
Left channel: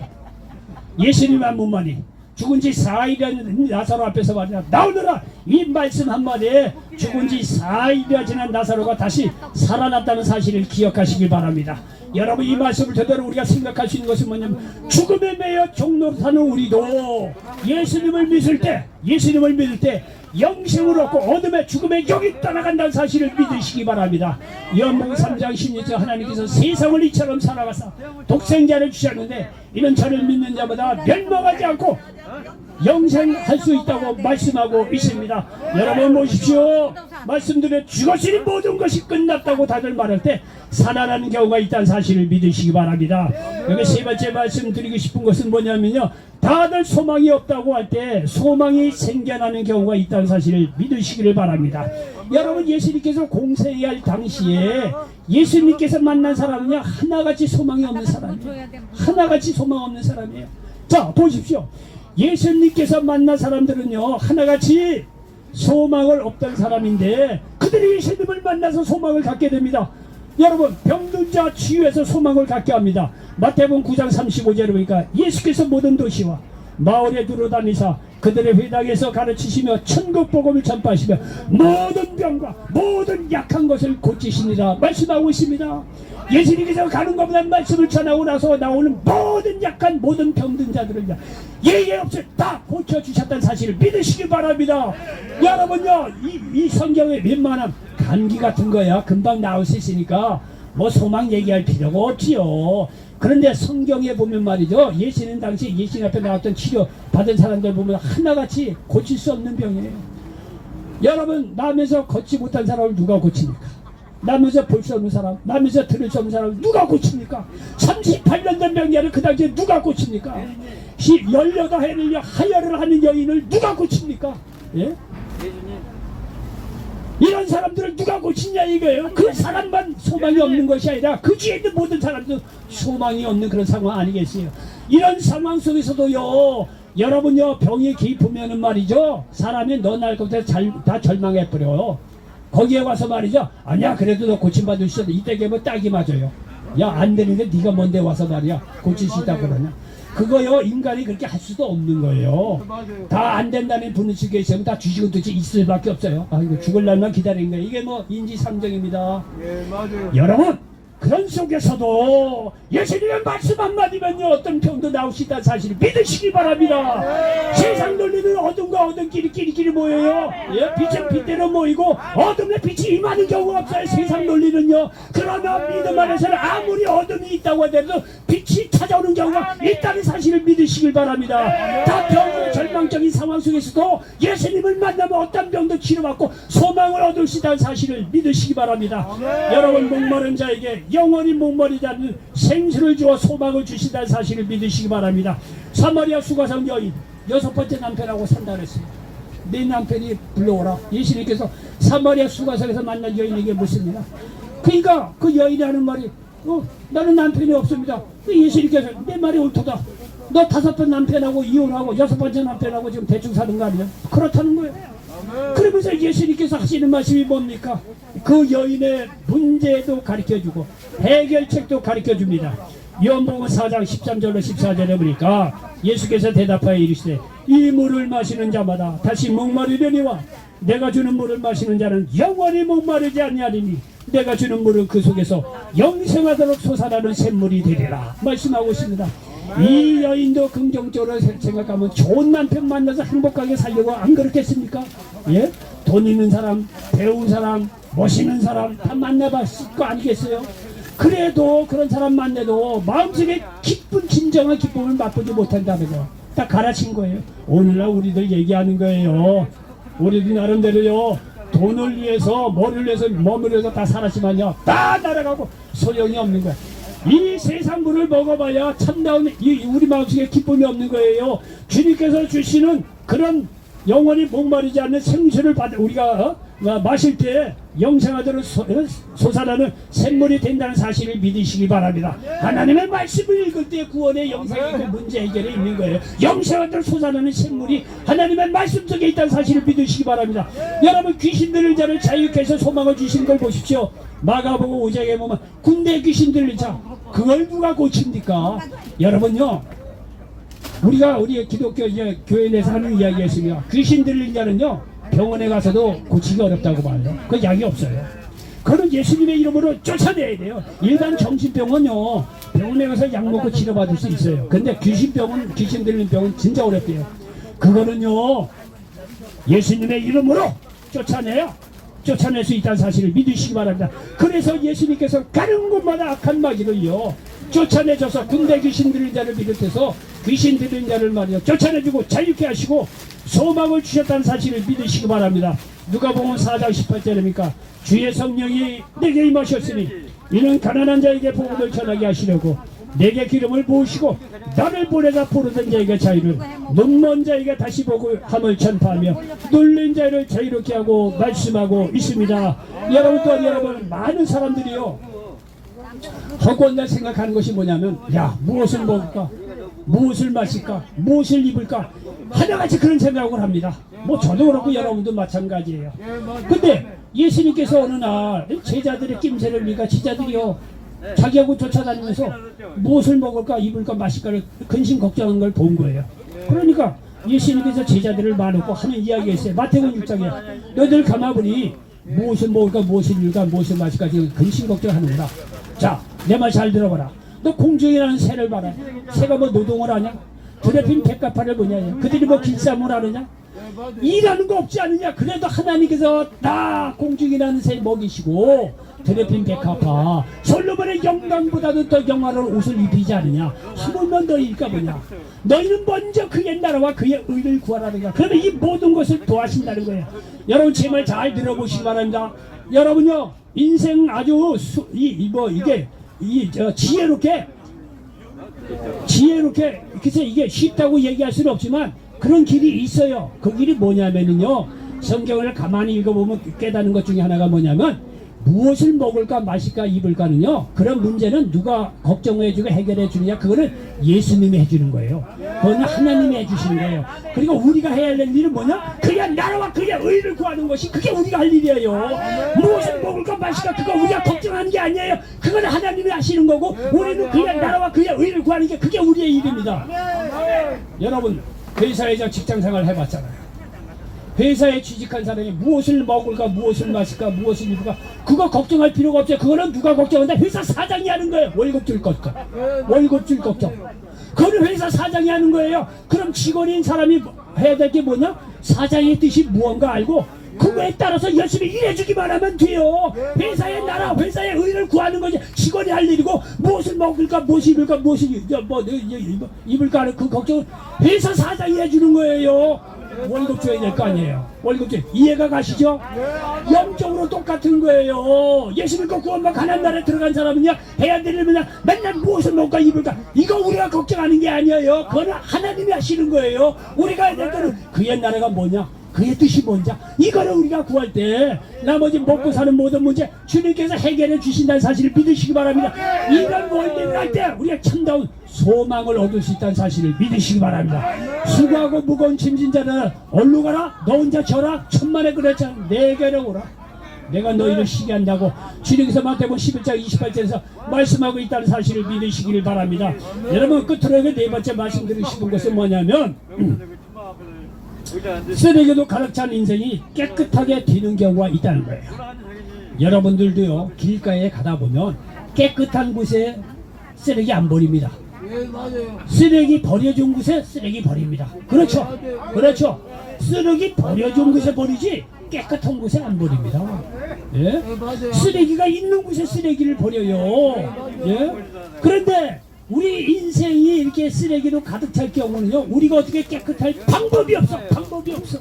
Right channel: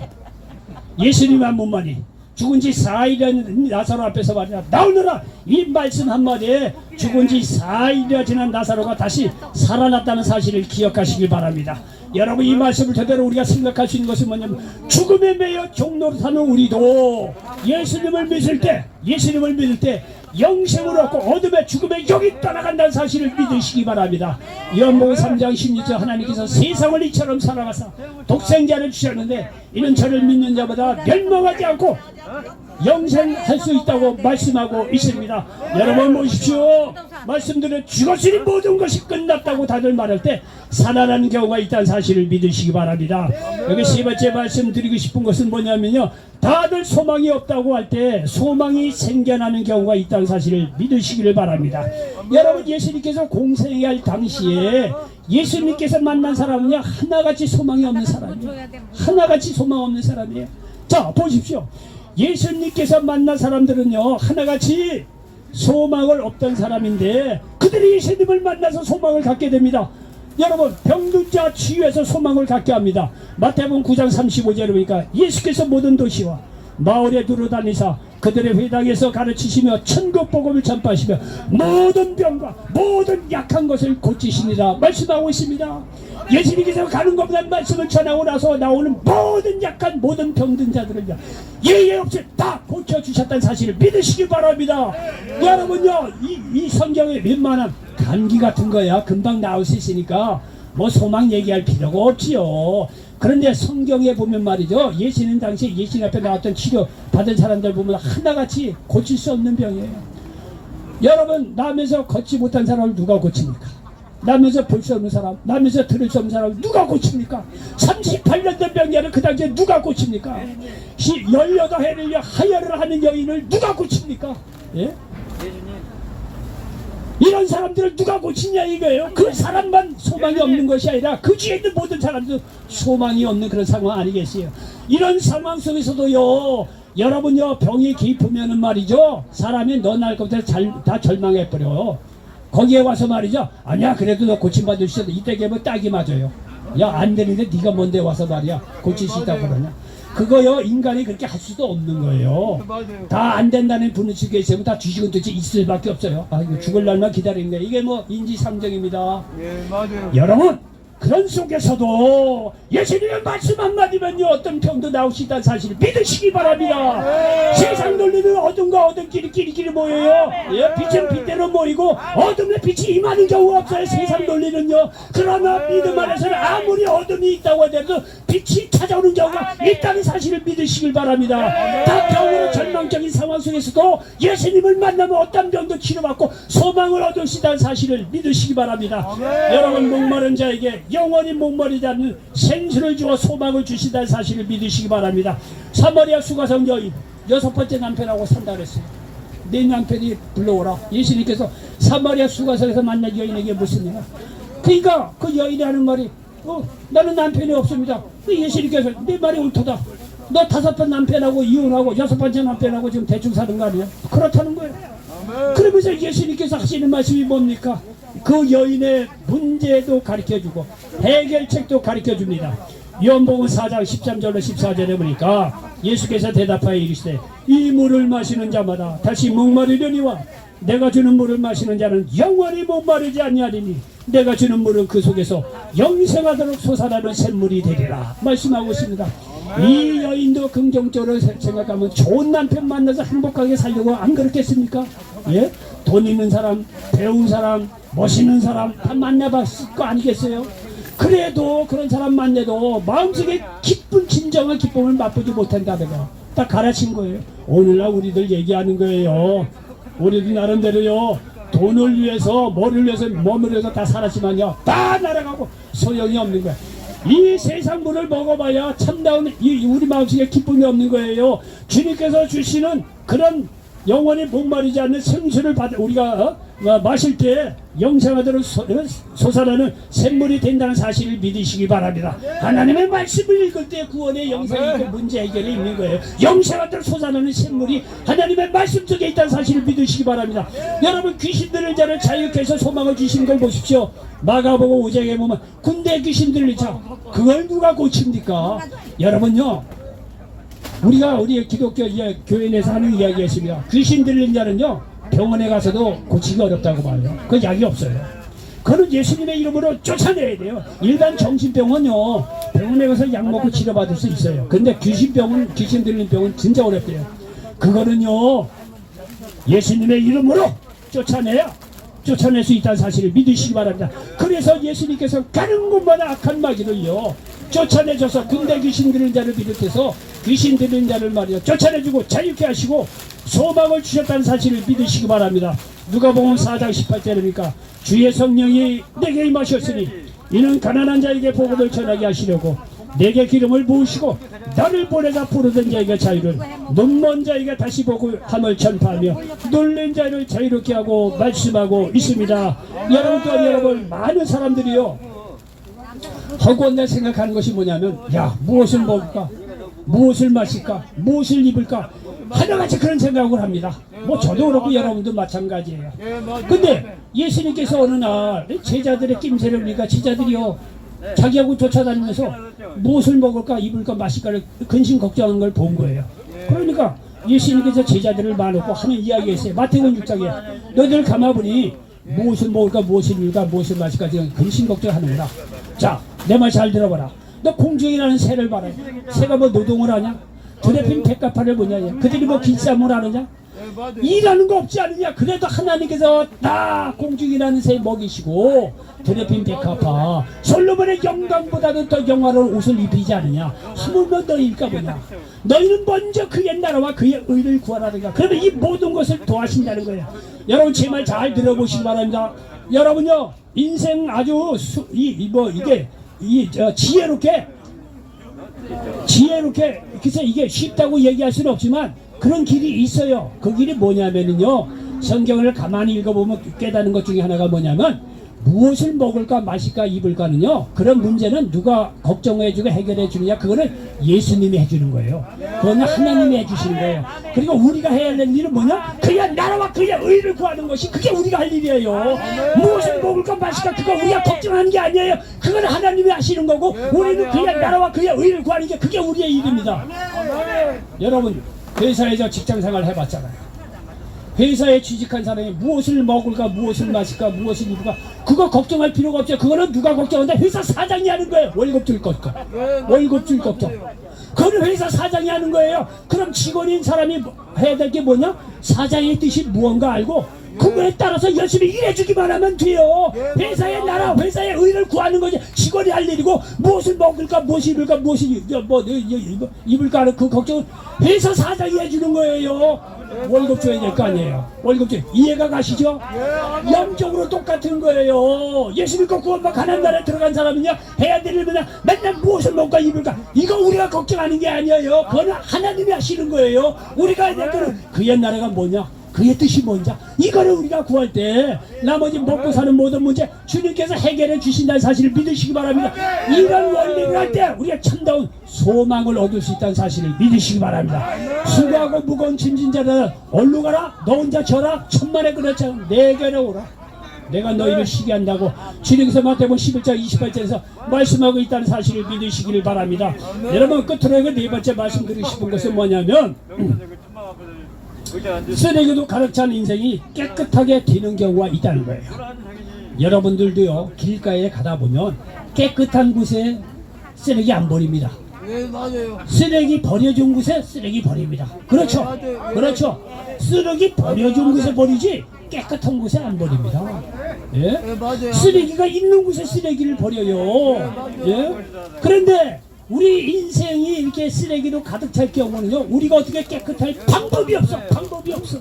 예수님 한 분만이 죽은 지 4일이나 나사로 앞에서 말이야 나오너라. 이 말씀 한마디에 죽은 지 4일이나 지난 나사로가 다시 살아났다는 사실을 기억하시길 바랍니다. 여러분 이 말씀을 제대로 우리가 생각할 수 있는 것은 뭐냐면 죽음에 매여 종로로 사는 우리도 예수님을 믿을 때 영생을 얻고 어둠의 죽음의 영이 떠나간다는 사실을 믿으시기 바랍니다. 요한복음 3장 16절 하나님께서 세상을 이처럼 살아가사 독생자를 주셨는데 이는 저를 믿는 자보다 멸망하지 않고 영생할 수 있다고 말씀하고 있습니다. 여러분 보십시오. 말씀드린 죽었으니 모든 것이 끝났다고 다들 말할 때 살아나는 경우가 있다는 사실을 믿으시기 바랍니다. 여기 세 번째 말씀드리고 싶은 것은 뭐냐면요 다들 소망이 없다고 할 때 소망이 생겨나는 경우가 있다는 사실을 믿으시기를 바랍니다. 여러분 예수님께서 공생할 당시에 예수님께서 만난 사람은요 하나같이 소망이 없는 사람이에요. 하나같이 소망 없는 사람이에요. 자 보십시오. 예수님께서 만난 사람들은요 하나같이 소망을 없던 사람인데 그들이 예수님을 만나서 소망을 갖게 됩니다. 여러분 병든 자 치유해서 소망을 갖게 합니다. 마태복음 9장 35절에 보니까 예수께서 모든 도시와 마을에 두루다니사 그들의 회당에서 가르치시며 천국 복음을 전파하시며 모든 병과 모든 약한 것을 고치시니라 말씀하고 있습니다. 예수님께서 가는 것보다 말씀을 전하고 나서 나오는 모든 약한 모든 병든 자들을 예외 없이 다 고쳐주셨다는 사실을 믿으시기 바랍니다. 여러분요 이 성경에 웬만한 감기 같은 거야 금방 나올 수 있으니까 뭐 소망 얘기할 필요가 없지요. 그런데 성경에 보면 말이죠 예수님 당시 예수님 앞에 나왔던 치료 받은 사람들 보면 하나같이 고칠 수 없는 병이에요. 여러분 나면서 걷지 못한 사람을 누가 고칩니까? 나면서 볼 수 없는 사람, 나면서 들을 수 없는 사람 누가 고칩니까? 38년 된 병자를 그 당시에 누가 고칩니까? 18해를 하혈을 하는 여인을 누가 고칩니까? 예? 이런 사람들을 누가 고치냐 이거예요. 그 사람만 소망이 없는 것이 아니라 그 주위에 있는 모든 사람도 소망이 없는 그런 상황 아니겠어요. 이런 상황 속에서도요 여러분요 병이 깊으면은 말이죠 사람이 너 날 것부터 다 절망해버려요. 거기에 와서 말이죠 아니야 그래도 너 고침받을 수 있어 이때 되면 딱이 맞아요. 야 안 되는데 네가 뭔데 와서 말이야 고칠 수 있다고 그러냐. 그거요 인간이 그렇게 할 수도 없는 거예요. 다 안 된다는 분수에 있으면 다 뒤지고 듯이 있을 밖에 없어요. 아 이거 죽을 날만 기다리는 거예요. 이게 뭐 인지상정입니다. 예, 맞아요. 여러분 그런 속에서도 예수님의 말씀 한마디면요 어떤 병도 나올 수 있다는 사실을 믿으시기 바랍니다. 세상 논리는 어둠과 어둠끼리 끼리끼리 모여요. 예, 빛은 빛대로 모이고 어둠에 빛이 임하는 경우가 없어요. 세상 논리는요. 그러나 믿음 안에서는 아무리 어둠이 있다고 하더라도 빛이 찾아오는 경우가 있다는 사실을 믿으시길 바랍니다. 다 병으로 절망적인 상황 속에서도 예수님을 만나면 어떤 병도 치료받고 소망을 얻을 수 있다는 사실을 믿으시기 바랍니다. 여러분 목마른 자에게 영원히 목마르지 않는 생수를 주어 소망을 주신다는 사실을 믿으시기 바랍니다. 사마리아 수가성 여인 6번째 남편하고 산다 그랬어요. 내 남편이 불러오라. 예수님께서 사마리아 수가성에서 만난 여인에게 묻습니다. 그러니까 그 여인이 하는 말이 나는 남편이 없습니다. 예수님께서 내 말이 옳다. 너 5번 남편하고 이혼하고 6번째 남편하고 지금 대충 사는 거 아니에요? 그렇다는 거예요. 그러면서 예수님께서 하시는 말씀이 뭡니까? 그 여인의 문제도 가르쳐주고 해결책도 가르쳐줍니다. 요한복음 4장 13절로 14절에 보니까 예수께서 대답하여 이르시되 이 물을 마시는 자마다 다시 목마르려니와 내가 주는 물을 마시는 자는 영원히 목마르지 아니하리니 내가 주는 물은 그 속에서 영생하도록 솟아나는 샘물이 되리라 말씀하고 있습니다. 이 여인도 긍정적으로 생각하면 좋은 남편 만나서 행복하게 살려고 안 그렇겠습니까? 예? 돈 있는 사람, 배운 사람, 멋있는 사람 다 만나봤을 거 아니겠어요? 그래도 그런 사람 만나도 마음속에 기쁜 진정한 기쁨을 맛보지 못한다는 거 딱 가르친 거예요. 오늘날 우리들 얘기하는 거예요. 우리들 나름대로요, 돈을 위해서 뭐를 위해서 몸을 위해서 다 살았지만요, 다 날아가고 소용이 없는 거야. 이 세상 물을 먹어봐야 참다운 우리 마음속에 기쁨이 없는 거예요. 주님께서 주시는 그런 영원히 목마르지 않는 생수를 받아 우리가 마실 때 영생하도록 솟아나는 샘물이 된다는 사실을 믿으시기 바랍니다. 하나님의 말씀을 읽을 때 구원의 영생이 문제 해결이 있는 거예요. 영생하도록 솟아나는 샘물이 하나님의 말씀 속에 있다는 사실을 믿으시기 바랍니다. 여러분, 귀신 들린 자를 자유케 해서 소망을 주신 걸 보십시오. 마가복음 5장에 보면 군대 귀신 들린 자, 그걸 누가 고칩니까? 여러분요, 우리 기독교 교회 내에서 하는 이야기가 있습니다. 귀신 들린 자는요, 병원에 가서도 고치기 어렵다고 말해요. 그 약이 없어요. 그거는 예수님의 이름으로 쫓아내야 돼요. 일반 정신병은요, 병원에 가서 약 먹고 치료받을 수 있어요. 근데 귀신 들린 병은 진짜 어렵대요. 그거는요, 예수님의 이름으로 쫓아낼 수 있다는 사실을 믿으시기 바랍니다. 그래서 예수님께서 가는 곳마다 악한 마귀를요, 쫓아내줘서 군대 귀신 들린 자를 비롯해서 귀신 들린 자를 말이야 쫓아내주고 자유케 하시고 소망을 주셨다는 사실을 믿으시기 바랍니다. 누가복음 4장 18절입니까? 주의 성령이 내게 임하셨으니 이는 가난한 자에게 복음을 전하게 하시려고 내게 기름을 부으시고 나를 보내다 부르던 자에게 자유를, 눈먼 자에게 다시 복음을 전파하며 눌린 자를 자유롭게 하고 말씀하고 있습니다. 여러분, 많은 사람들이요, 허구한다 생각하는 것이 뭐냐면, 야, 무엇을 먹을까, 무엇을 마실까, 무엇을 입을까, 하나같이 그런 생각을 합니다. 뭐 저도 그렇고 여러분도 마찬가지예요. 근데 예수님께서 어느 날 제자들의 낌새를 보니까 제자들이요, 자기하고 쫓아다니면서 무엇을 먹을까, 입을까, 마실까를 근심 걱정하는 걸 본 거예요. 그러니까 예수님께서 제자들을 나누고 하는 이야기가 있어요. 마태복음 6장에 너희들 가만보니 무엇을 먹을까, 무엇을 입을까, 무엇을 마실까 지금 근심 걱정하는구나. 자, 내 말 잘 들어봐라. 너 공중이라는 새를 봐라. 새가 뭐 노동을 하냐? 드레핀 백합화를 뭐냐? 그들이 뭐 길쌈을 하느냐? 일하는 거 없지 않느냐? 그래도 하나님께서 다 공중이라는 새 먹이시고 드레핀 백합화 솔로몬의 영광보다도 더 영화로운 옷을 입히지 않느냐? 하물며 너희일까 뭐냐? 너희는 먼저 그의 나라와 그의 의를 구하라니까. 그러면 이 모든 것을 도와신다는 거예요. 여러분, 제 말 잘 들어보시기 바랍니다. 여러분요, 인생 아주 지혜롭게 글쎄 이게 쉽다고 얘기할 수는 없지만 그런 길이 있어요. 그 길이 뭐냐면요, 성경을 가만히 읽어보면 깨닫는 것 중에 하나가 뭐냐면, 무엇을 먹을까 마실까 입을까는요, 그런 문제는 누가 걱정해주고 해결해 주느냐, 그거는 예수님이 해주는 거예요. 그거는 하나님이 해주시는 거예요. 그리고 우리가 해야 할 일은 뭐냐? 그의 나라와 그의 의를 구하는 것이 그게 우리가 할 일이에요. 무엇을 먹을까 마실까 그거 우리가 걱정하는 게 아니에요. 그건 하나님이 하시는 거고, 우리는 그의 나라와 그의 의를 구하는 게 그게 우리의 일입니다. 여러분, 회사에서 직장생활 해봤잖아요. 회사에 취직한 사람이 무엇을 먹을까, 무엇을 마실까, 무엇을 입을까, 그거 걱정할 필요가 없어요. 그거는 누가 걱정한다? 회사 사장이 하는 거예요. 월급 줄 걱정. 월급 줄 걱정. 그건 회사 사장이 하는 거예요. 그럼 직원인 사람이 해야 될 게 뭐냐? 사장의 뜻이 무언가 알고 그거에 따라서 열심히 일해주기만 하면 돼요. 회사의 나라, 회사의 의를 구하는 거지 직원이 할 일이고, 무엇을 먹을까, 무엇을 입을까, 무엇을 입을까 하는 그 걱정은 회사 사장이 해주는 거예요. 월급 줘야 될 거 아니에요. 월급 줘. 이해가 가시죠? 영적으로 똑같은 거예요. 예수 믿고 구원받고 가나안 나라에 들어간 사람은요, 해야 될 일은 맨날 무엇을 먹을까 입을까, 이거 우리가 걱정하는 게 아니에요. 그거는 하나님이 하시는 거예요. 우리가 해야 될 거는 그의 나라가 뭐냐, 그의 뜻이 뭔지, 이거를 우리가 구할 때 나머지 먹고 사는 모든 문제 주님께서 해결해 주신다는 사실을 믿으시기 바랍니다. 이런 원리를 할 때 우리가 참다운 소망을 얻을 수 있다는 사실을 믿으시기 바랍니다. 수고하고 무거운 짐진 자를 얼루 가라, 너 혼자 져라, 천만에 그렇지 내게로 오라, 내가 너희를 쉬게 한다고 주님께서 마태복음 11장 28절에서 말씀하고 있다는 사실을 믿으시기를 바랍니다. 여러분, 끝으로 네 번째 말씀드리고 싶은 것은 뭐냐면, 쓰레기도 가득 찬 인생이 깨끗하게 되는 경우가 있다는 거예요. 여러분들도요, 길가에 가다 보면 깨끗한 곳에 쓰레기 안 버립니다. 네, 맞아요. 쓰레기 버려준 곳에 쓰레기 버립니다. 그렇죠. 그렇죠. 쓰레기 버려준 곳에 버리지 깨끗한 곳에 안 버립니다. 예? 네, 맞아요. 쓰레기가 있는 곳에 쓰레기를 버려요. 예? 그런데 우리 인생이 이렇게 쓰레기로 가득 찰 경우는요, 우리가 어떻게 깨끗할 방법이 없어. 방법이 없어.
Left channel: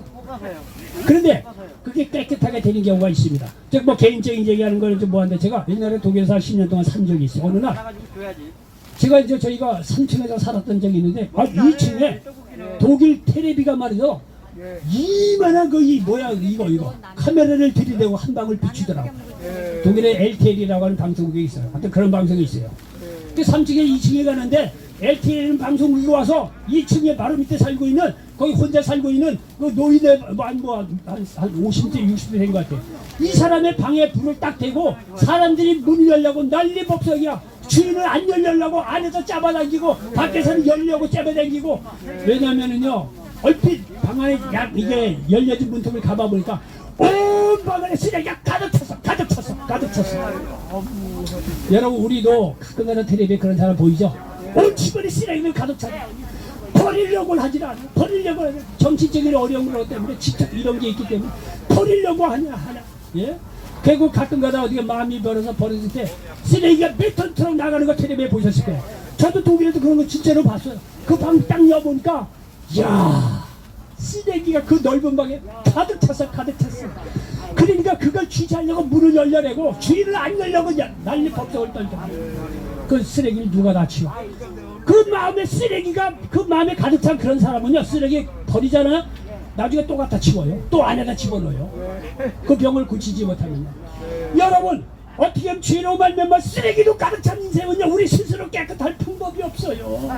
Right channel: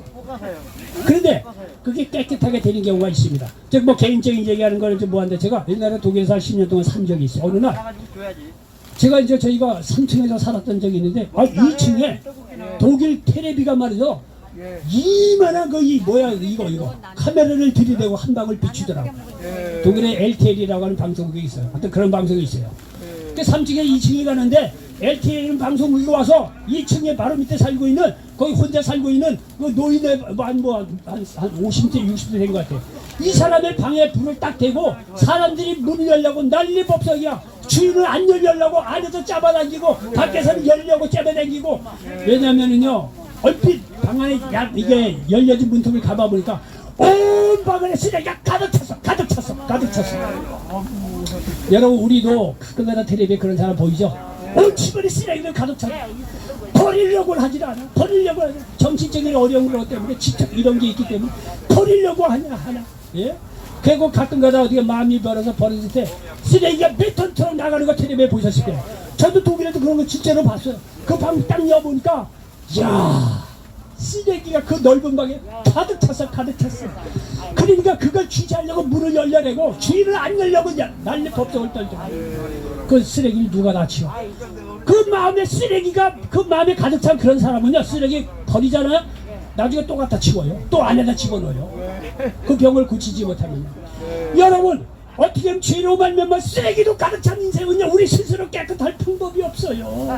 그런데 그게 깨끗하게 되는 경우가 있습니다. 즉 뭐 개인적인 얘기하는 거는 좀 뭐한데, 제가 옛날에 독일에서 한 10년 동안 산 적이 있어요. 어느 날 제가 이제 저희가 3층에서 살았던 적이 있는데, 2층에 독일 테레비가 말이죠, 예. 이만한 거이 뭐야 이거 카메라를 들이대고 한 방울 비추더라고. 예. 독일에 LTL이라고 하는 방송국이 있어요. 하여튼 그런 방송이 있어요. 예. 그 3층에 2층에 가는데 LTL 방송국이 와서 2층에 바로 밑에 살고 있는, 거기 혼자 살고 있는 그 노인의 한 50대 60대 된 것 같아요. 이 사람의 방에 불을 딱 대고 사람들이 문을 열려고 난리 법석이야. 주인은 안 열려고 안에서 잡아당기고 밖에서는 열려고 잡아당기고. 왜냐면은요, 얼핏 방 안에 이게 열려진 문틈을 가봐보니까 온 방 안에 쓰레기가 가득 찼어. 여러분, 우리도 가끔가다 텔레비에 그런 사람 보이죠? 온 집안에 쓰레기를 가득 찼어. 버리려고 하지 않아. 버리려고 하지. 정치적인 어려운 것 때문에 직접 이런 게 있기 때문에 버리려고 하나. 예? 그리고 가끔가다 어디가 마음이 벌어서 버렸을 때 쓰레기가 몇 톤처럼 나가는 거 텔레비에 보셨을 거예요. 저도 독일에도 그런 거 진짜로 봤어요. 그 방 딱 열어보니까, 이야, 쓰레기가 그 넓은 방에 가득 찼어. 그러니까 그걸 취재하려고 문을 열려내고 주인을 안 열려고 난리 법석을 떨죠. 그 쓰레기를 누가 다 치워? 그 마음에 쓰레기가, 그 마음에 가득 찬 그런 사람은요, 쓰레기 버리잖아요. 나중에 또 갖다 치워요. 또 안에다 집어넣어요. 그 병을 고치지 못하면요. 여러분, 어떻게 하면 죄로 말미암아 쓰레기도 가득 찬 인생은요, 우리 스스로 깨끗할 방법이 없어요.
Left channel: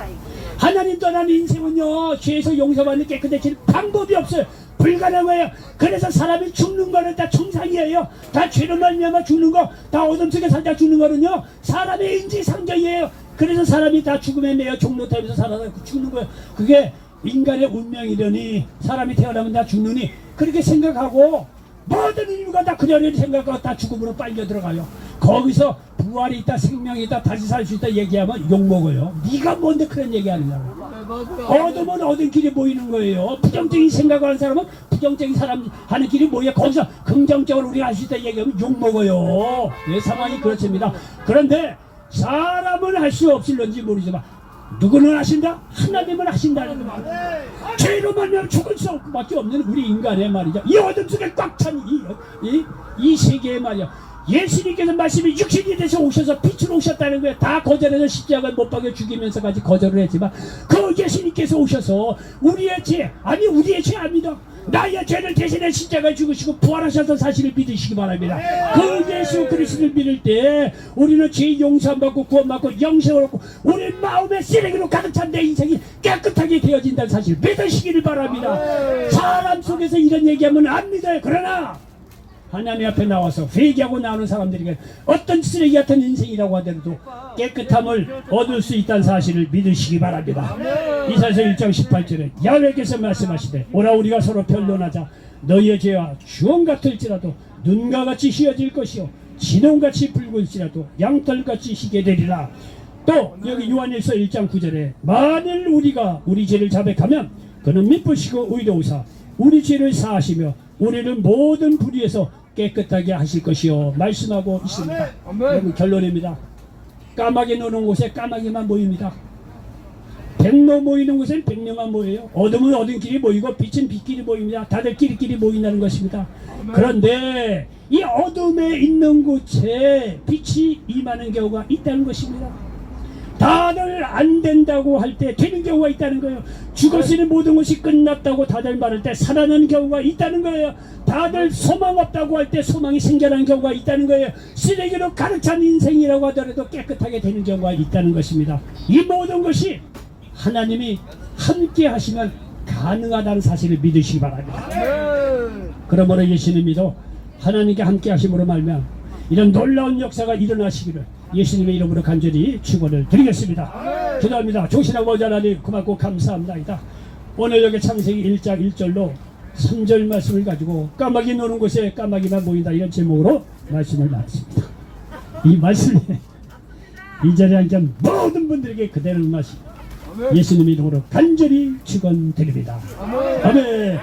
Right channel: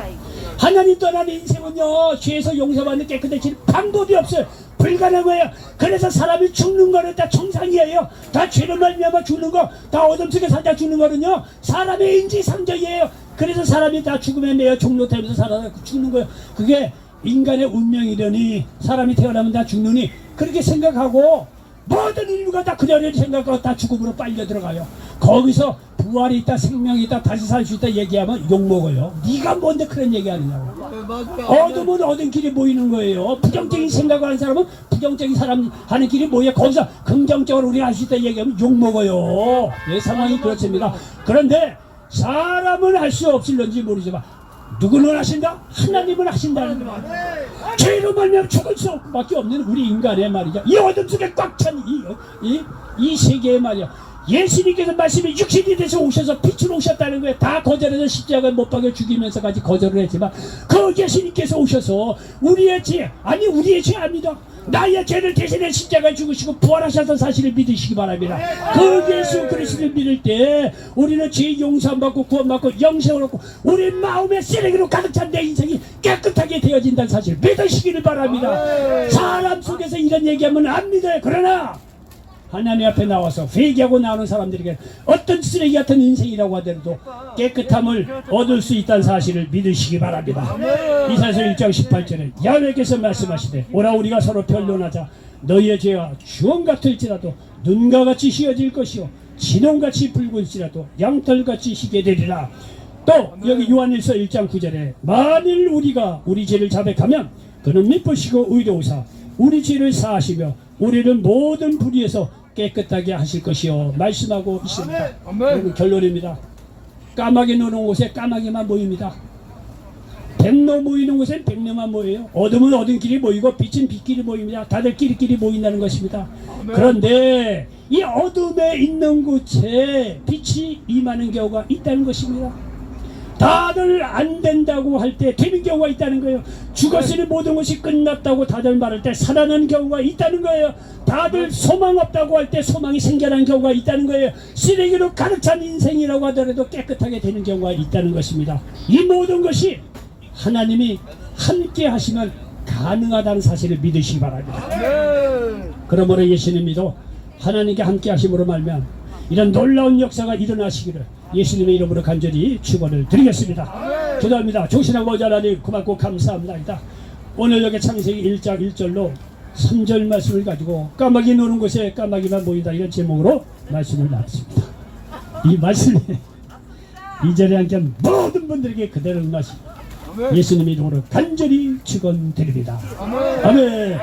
하나님 떠나는 인생은요, 죄에서 용서받는 깨끗해질 방법이 없어요. 불가능한 거예요. 그래서 사람이 죽는 거는 다 정상이에요. 다 죄로 말미암아 죽는 거, 다 어둠 속에 살다 죽는 거는요, 사람의 인지상정이에요. 그래서 사람이 다 죽음에 매여 종로타면서 살아서 죽는 거예요. 그게 인간의 운명이려니, 사람이 태어나면 다 죽느니, 그렇게 생각하고 모든 인류가 다 그대로 생각하고 다 죽음으로 빨려 들어가요. 거기서 부활이 있다, 생명이 있다, 다시 살 수 있다 얘기하면 욕먹어요. 네가 뭔데 그런 얘기하느냐고. 어둠은 어둠 길이 보이는 거예요. 부정적인 생각을 하는 사람은 부정적인 사람 하는 길이 뭐예요. 거기서 긍정적으로 우리가 할 수 있다 얘기하면 욕먹어요. 예, 상황이 그렇습니다. 그런데 사람은 할 수 없을런지 모르지만 누구는 하신다? 하나님은 하신다는 거예요. 죄로 말미암아 죽을 수 밖에 없는 우리 인간의 말이죠. 이 어둠 속에 꽉 찬 이 세계의 말이야. 예수님께서 말씀이 육신이 돼서 오셔서 빛으로 오셨다는 거예요. 다 거절해서 십자가에 못 박여 죽이면서까지 거절을 했지만, 그 예수님께서 오셔서 우리의 죄 아닙니다. 나의 죄를 대신해 십자가에 죽으시고 부활하셨던 사실을 믿으시기 바랍니다. 그 예수 그리스도를 믿을 때 우리는 죄 용서받고 구원받고 영생을 얻고 우리 마음의 쓰레기로 가득 찬 내 인생이 깨끗하게 되어진다는 사실 믿으시기를 바랍니다. 사람 속에서 이런 얘기하면 안 믿어요. 그러나 하나님 앞에 나와서 회개하고 나오는 사람들에게 어떤 쓰레기 같은 인생이라고 하더라도 깨끗함을 얻을 수 있다는 사실을 믿으시기 바랍니다. 이사야서 1장 18절에 야훼께서 말씀하시되, 오라 우리가 서로 변론하자. 너희의 죄와 주홍 같을지라도 눈과 같이 희어질 것이요 진홍같이 붉을지라도 양털같이 희게 되리라. 또 여기 요한일서 1장 9절에 만일 우리가 우리 죄를 자백하면 그는 미쁘시고 의로우사 우리 죄를 사하시며 우리는 모든 불의에서 깨끗하게 하실 것이요 말씀하고 있습니다. 여러분, 결론입니다. 까마귀 노는 곳에 까마귀만 모입니다. 백로 모이는 곳엔 백로만 모여요. 어둠은 어둠끼리 모이고 빛은 빛끼리 모입니다. 다들 끼리끼리 모인다는 것입니다. 그런데 이 어둠에 있는 곳에 빛이 임하는 경우가 있다는 것입니다. 다들 안 된다고 할 때 되는 경우가 있다는 거예요. 죽었으니 모든 것이 끝났다고 다들 말할 때 살아나는 경우가 있다는 거예요. 다들 소망 없다고 할 때 소망이 생겨난 경우가 있다는 거예요. 쓰레기로 가득 찬 인생이라고 하더라도 깨끗하게 되는 경우가 있다는 것입니다. 이 모든 것이 하나님이 함께 하시면 가능하다는 사실을 믿으시기 바랍니다. 그러므로 예수님이도 하나님께 함께 하심으로 말미암아 이런 놀라운 역사가 일어나시기를 예수님의 이름으로 간절히 축원을 드리겠습니다. 기도합니다. 조신하고 자라니 고맙고 감사합니다. 오늘 여기 창세기 1장 1절로 3절 말씀을 가지고 까마귀 노는 곳에 까마귀만 보인다, 이런 제목으로 말씀을 나눴습니다. 이 말씀이 이 자리에 앉은 모든 분들에게 그대로 응하시고 예수님 이름으로 간절히 축원드립니다. 아멘.